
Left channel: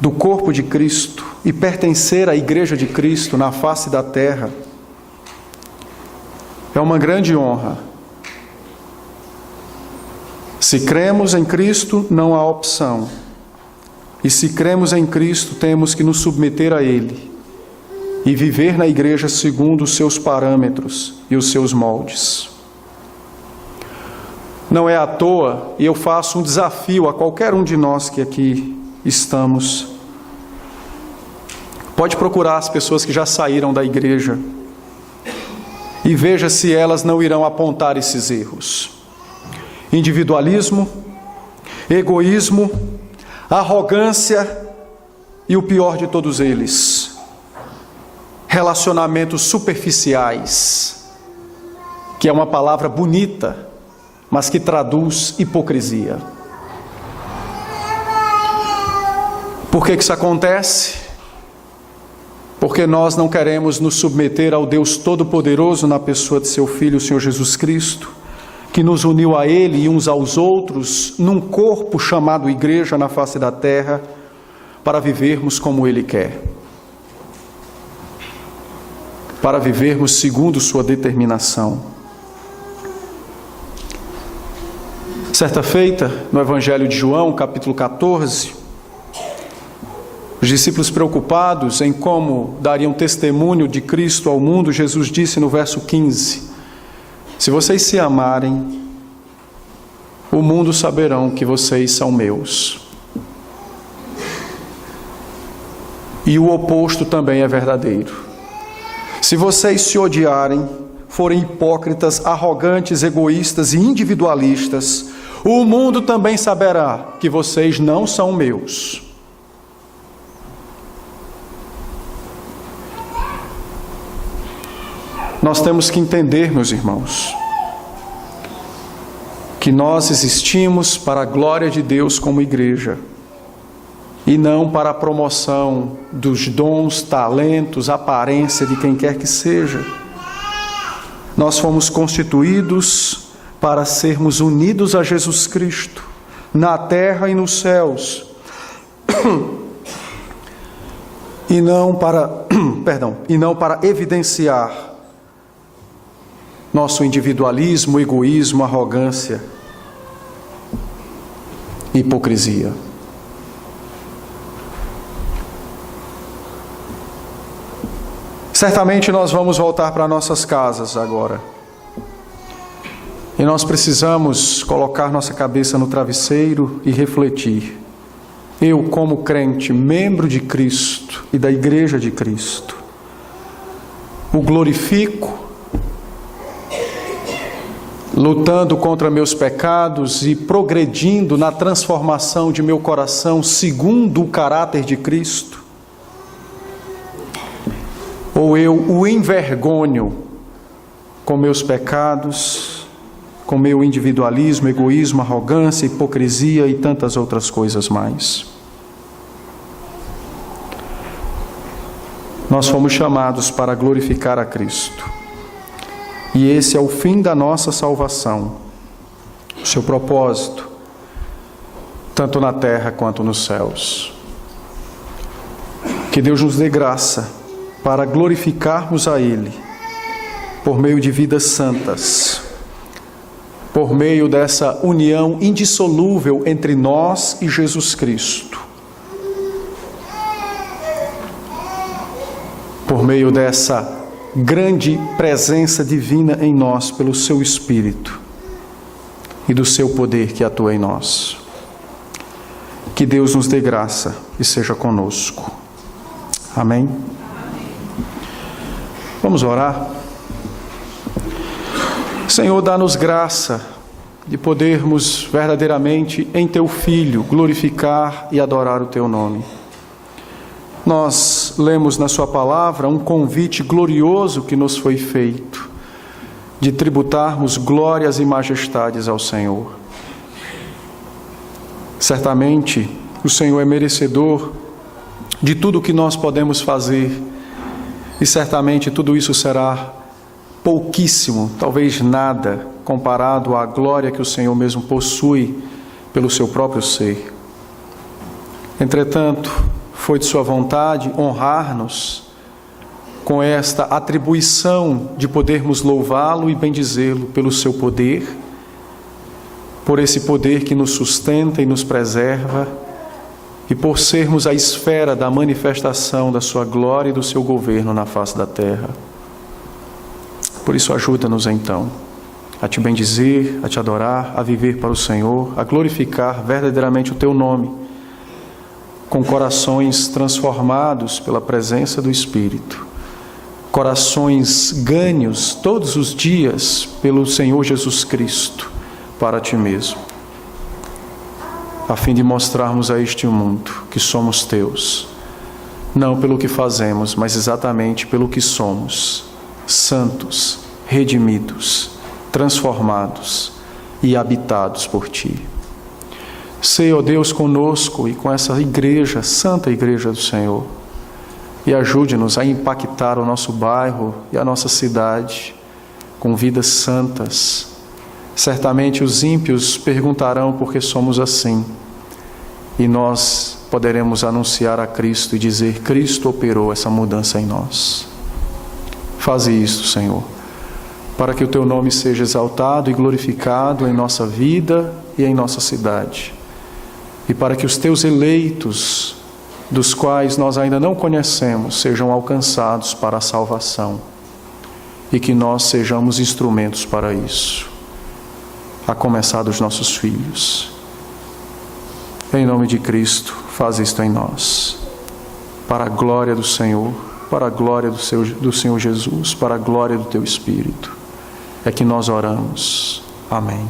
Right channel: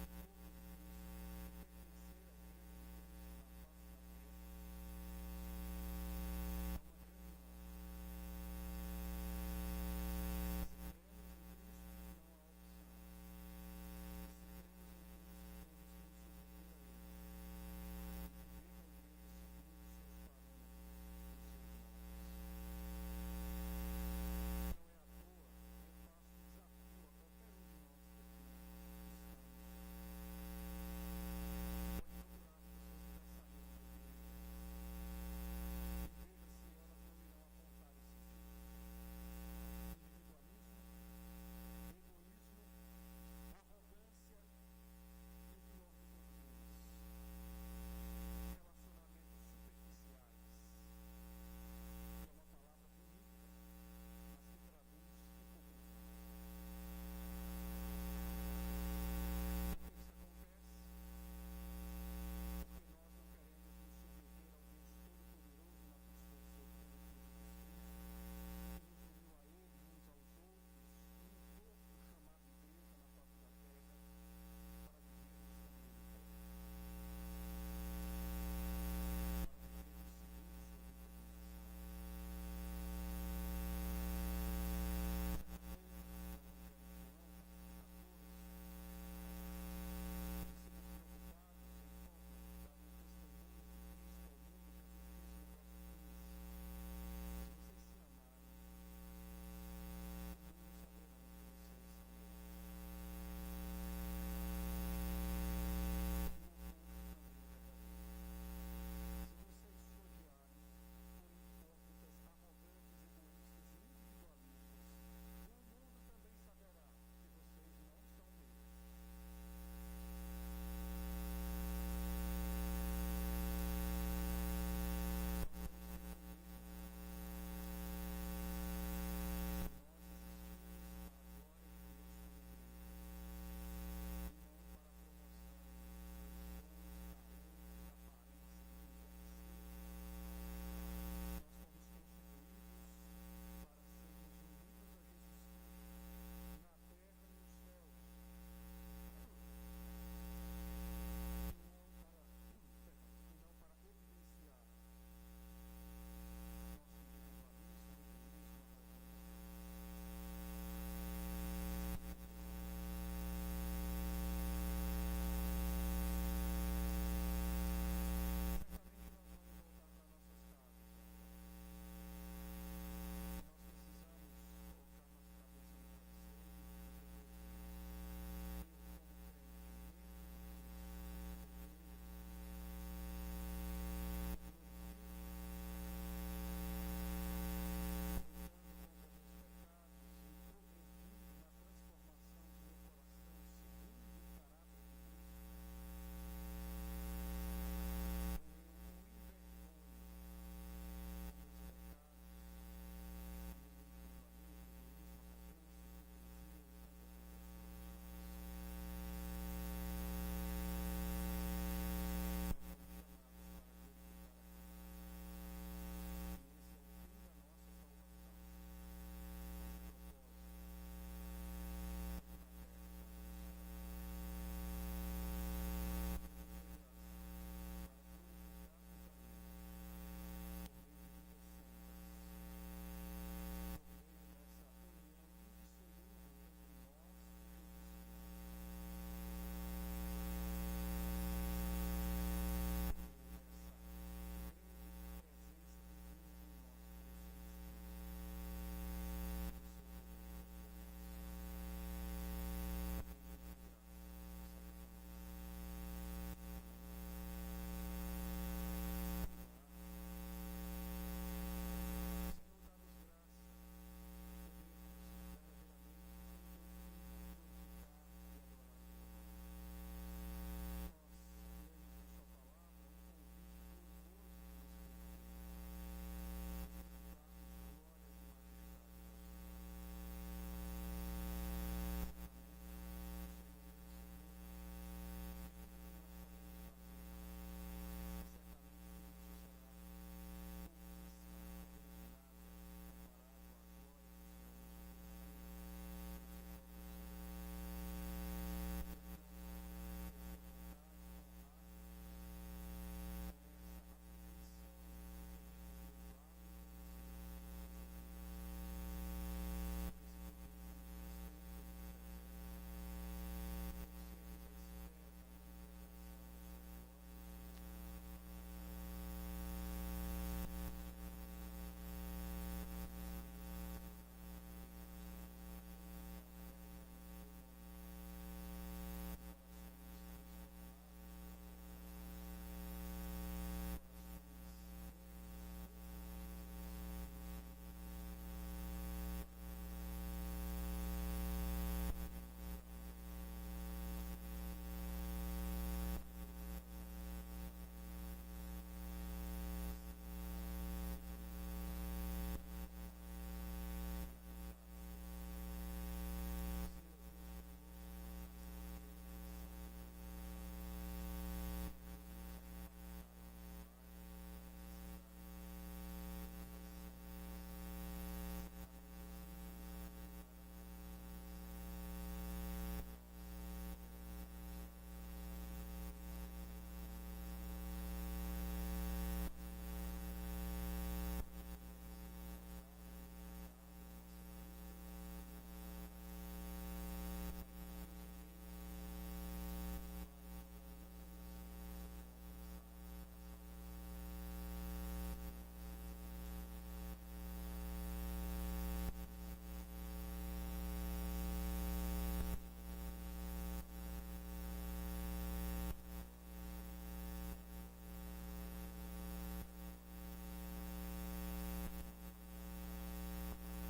do corpo de Cristo e pertencer à igreja de Cristo na face da terra é uma grande honra. Se cremos em Cristo, não há opção. E se cremos em Cristo, temos que nos submeter a Ele e viver na igreja segundo os seus parâmetros e os seus moldes. Não é à toa, e eu faço um desafio a qualquer um de nós que aqui estamos. Pode procurar as pessoas que já saíram da igreja e veja se elas não irão apontar esses erros. Individualismo, egoísmo, arrogância e o pior de todos eles, relacionamentos superficiais, que é uma palavra bonita, mas que traduz hipocrisia. Por que isso acontece? Porque nós não queremos nos submeter ao Deus Todo-Poderoso na pessoa de seu Filho, o Senhor Jesus Cristo, que nos uniu a Ele e uns aos outros num corpo chamado Igreja na face da terra, para vivermos como Ele quer, para vivermos segundo sua determinação. Certa feita, no Evangelho de João, capítulo 14, os discípulos preocupados em como dariam testemunho de Cristo ao mundo, Jesus disse no verso 15: se vocês se amarem, o mundo saberão que vocês são meus. E o oposto também é verdadeiro. Se vocês se odiarem, forem hipócritas, arrogantes, egoístas e individualistas, o mundo também saberá que vocês não são meus. Nós temos que entender, meus irmãos, que nós existimos para a glória de Deus como igreja, e não para a promoção dos dons, talentos, aparência de quem quer que seja. Nós fomos constituídos para sermos unidos a Jesus Cristo, na terra e nos céus, e não para evidenciar nosso individualismo, egoísmo, arrogância, hipocrisia. Certamente nós vamos voltar para nossas casas agora. E nós precisamos colocar nossa cabeça no travesseiro e refletir. Eu, como crente, membro de Cristo e da Igreja de Cristo, o glorifico, lutando contra meus pecados e progredindo na transformação de meu coração segundo o caráter de Cristo? Ou eu o envergonho com meus pecados, com meu individualismo, egoísmo, arrogância, hipocrisia e tantas outras coisas mais? Nós fomos chamados para glorificar a Cristo. E esse é o fim da nossa salvação, o seu propósito, tanto na terra quanto nos céus. Que Deus nos dê graça para glorificarmos a Ele, por meio de vidas santas, por meio dessa união indissolúvel entre nós e Jesus Cristo, por meio dessa grande presença divina em nós pelo seu Espírito e do seu poder que atua em nós. Que Deus nos dê graça e seja conosco. Amém? Vamos orar. Senhor, dá-nos graça de podermos verdadeiramente em Teu Filho glorificar e adorar o Teu nome. Nós lemos na Sua palavra um convite glorioso que nos foi feito, de tributarmos glórias e majestades ao Senhor. Certamente, o Senhor é merecedor de tudo o que nós podemos fazer, e certamente tudo isso será pouquíssimo, talvez nada, comparado à glória que o Senhor mesmo possui pelo seu próprio ser. Entretanto, foi de sua vontade honrar-nos com esta atribuição de podermos louvá-lo e bendizê-lo pelo seu poder, por esse poder que nos sustenta e nos preserva, e por sermos a esfera da manifestação da sua glória e do seu governo na face da terra. Por isso, ajuda-nos então a te bendizer, a te adorar, a viver para o Senhor, a glorificar verdadeiramente o teu nome, com corações transformados pela presença do Espírito, corações ganhos todos os dias pelo Senhor Jesus Cristo para ti mesmo, a fim de mostrarmos a este mundo que somos teus, não pelo que fazemos, mas exatamente pelo que somos, santos, redimidos, transformados e habitados por ti. Seja, ó Deus, conosco e com essa igreja, santa igreja do Senhor, e ajude-nos a impactar o nosso bairro e a nossa cidade com vidas santas, Certamente os ímpios perguntarão por que somos assim, e nós poderemos anunciar a Cristo e dizer: Cristo operou essa mudança em nós. Faze isto, Senhor, para que o Teu nome seja exaltado e glorificado em nossa vida e em nossa cidade, e para que os Teus eleitos, dos quais nós ainda não conhecemos, sejam alcançados para a salvação, e que nós sejamos instrumentos para isso, a começar dos nossos filhos. Em nome de Cristo, faz isto em nós, para a glória do Senhor, para a glória do Senhor Jesus, para a glória do Teu Espírito. É que nós oramos. Amém.